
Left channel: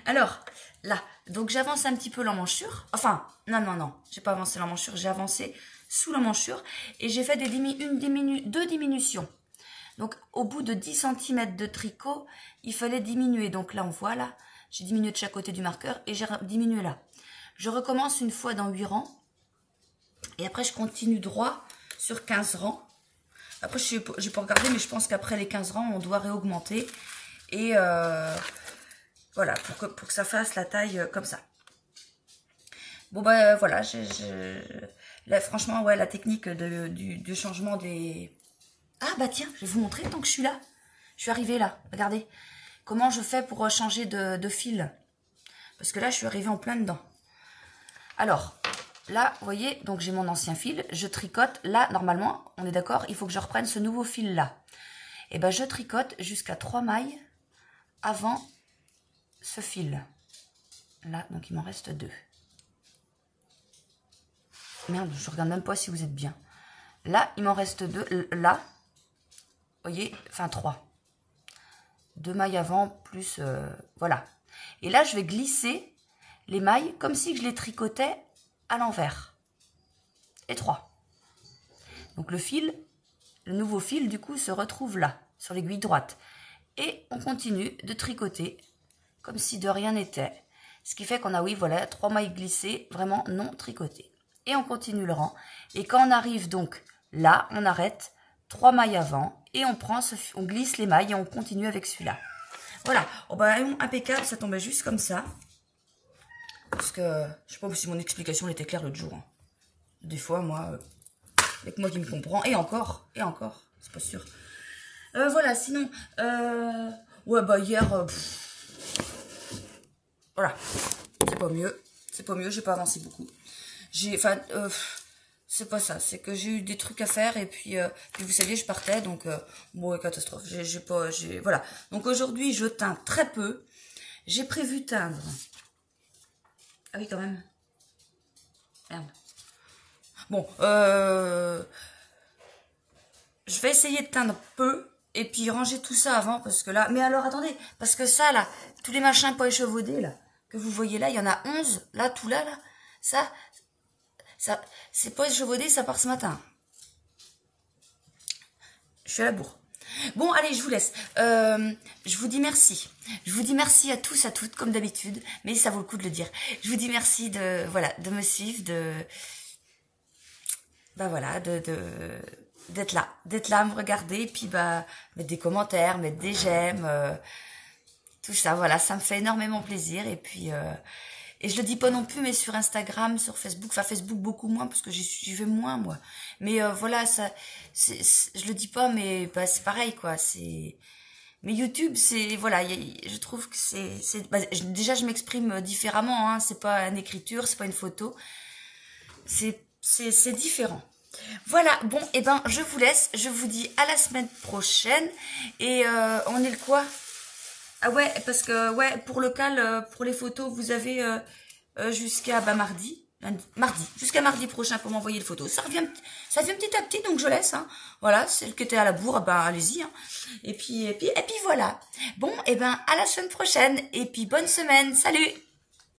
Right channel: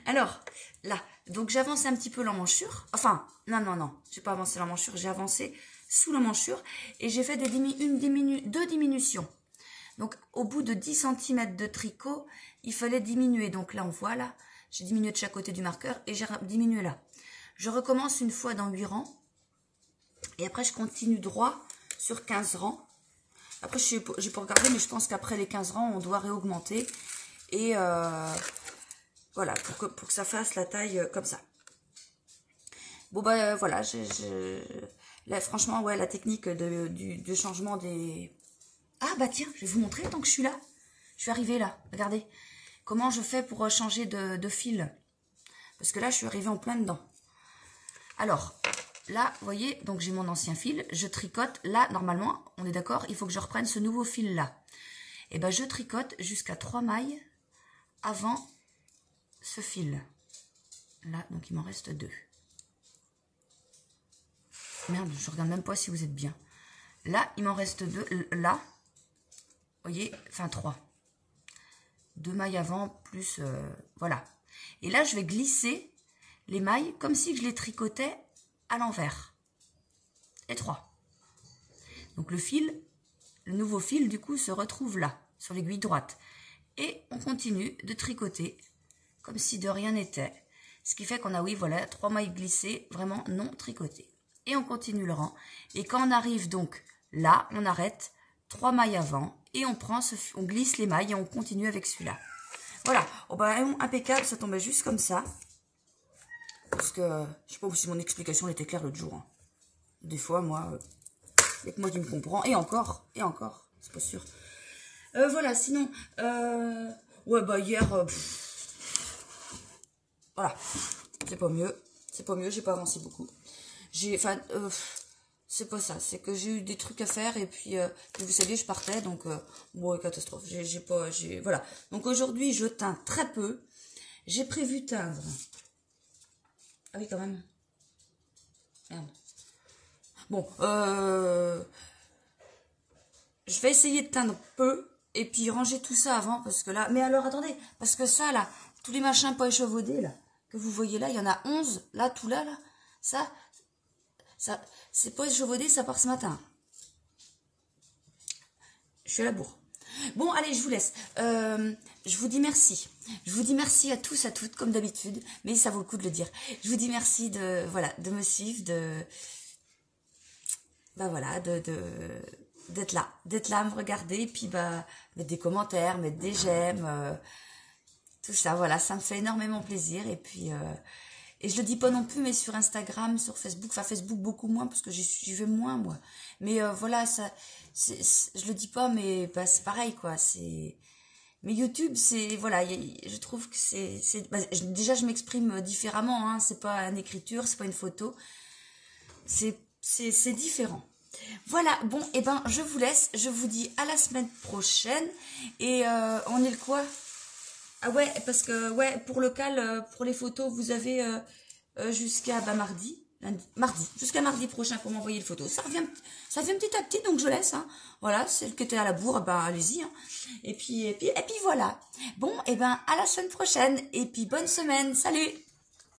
Alors, là, donc j'avance un petit peu l'emmanchure. Enfin, non, j'ai pas avancé l'emmanchure, j'ai avancé sous l'emmanchure et j'ai fait deux diminutions. Donc au bout de 10 cm de tricot, il fallait diminuer. Donc là on voit là, j'ai diminué de chaque côté du marqueur et j'ai diminué là. Je recommence une fois dans 8 rangs et après je continue droit sur 15 rangs. Après je n'ai pas regardé, mais je pense qu'après les 15 rangs on doit réaugmenter et voilà, pour que ça fasse la taille comme ça. Bon bah voilà, là franchement ouais, la technique du changement des... Ah bah tiens, je vais vous montrer tant que je suis là. Je suis arrivée là, regardez. Comment je fais pour changer de fil. Parce que là je suis arrivée en plein dedans. Alors, là, vous voyez, donc j'ai mon ancien fil, je tricote. Là, normalement, on est d'accord, il faut que je reprenne ce nouveau fil-là. Et ben, je tricote jusqu'à 3 mailles avant ce fil. Là, donc il m'en reste 2. Merde, je regarde même pas si vous êtes bien. Là, il m'en reste 2. Là, vous voyez, enfin 3. 2 mailles avant, plus, voilà. Et là, je vais glisser les mailles comme si je les tricotais à l'envers. Et 3. Donc le fil, le nouveau fil du coup se retrouve là, sur l'aiguille droite. Et on continue de tricoter comme si de rien n'était. Ce qui fait qu'on a, oui, voilà, 3 mailles glissées, vraiment non tricotées. Et on continue le rang. Et quand on arrive donc là, on arrête 3 mailles avant et on prend, on glisse les mailles et on continue avec celui-là. Voilà, oh bah, impeccable, ça tombait juste comme ça. Parce que, je sais pas si mon explication était claire l'autre jour. Hein. Des fois, moi, il n'y a que moi qui me comprends. Et encore, c'est pas sûr. Voilà, sinon, ouais, bah hier, voilà, c'est pas mieux, j'ai pas avancé beaucoup. Enfin, c'est pas ça, c'est que j'ai eu des trucs à faire et puis vous saviez, je partais, donc, bon, catastrophe, voilà. Donc aujourd'hui, je teins très peu. J'ai prévu teindre. Ah oui, quand même. Merde. Bon, je vais essayer de teindre peu et puis ranger tout ça avant parce que là... Mais alors, attendez, parce que ça, là, tous les machins pas échevaudés, là, que vous voyez là, il y en a 11, là, tout là, ça c'est pas échevaudé, ça part ce matin. Je suis à la bourre. Bon, allez, je vous laisse. Je vous dis merci. Je vous dis merci à tous, à toutes, comme d'habitude. Mais ça vaut le coup de le dire. Je vous dis merci de, voilà, de me suivre, bah voilà, d'être là, à me regarder, puis bah mettre des commentaires, mettre des j'aime, tout ça, voilà, ça me fait énormément plaisir. Et puis et je le dis pas non plus, mais sur Instagram, sur Facebook, enfin Facebook beaucoup moins parce que j'y vais moins moi. Mais voilà, ça, je le dis pas, mais bah, c'est pareil quoi. Mais YouTube, c'est voilà, je trouve que bah, déjà je m'exprime différemment. Hein, c'est pas une écriture, c'est pas une photo, c'est différent. Voilà, bon, et ben je vous laisse, je vous dis à la semaine prochaine. Et on est le quoi? Ah ouais, parce que ouais, pour le cal, pour les photos, vous avez jusqu'à mardi, jusqu'à mardi prochain pour m'envoyer les photos. Ça vient petit à petit, donc je laisse. Hein. Voilà, celle qui était à la bourre, bah allez-y. Hein. Et puis voilà. Bon, et ben à la semaine prochaine. Et puis bonne semaine. Salut!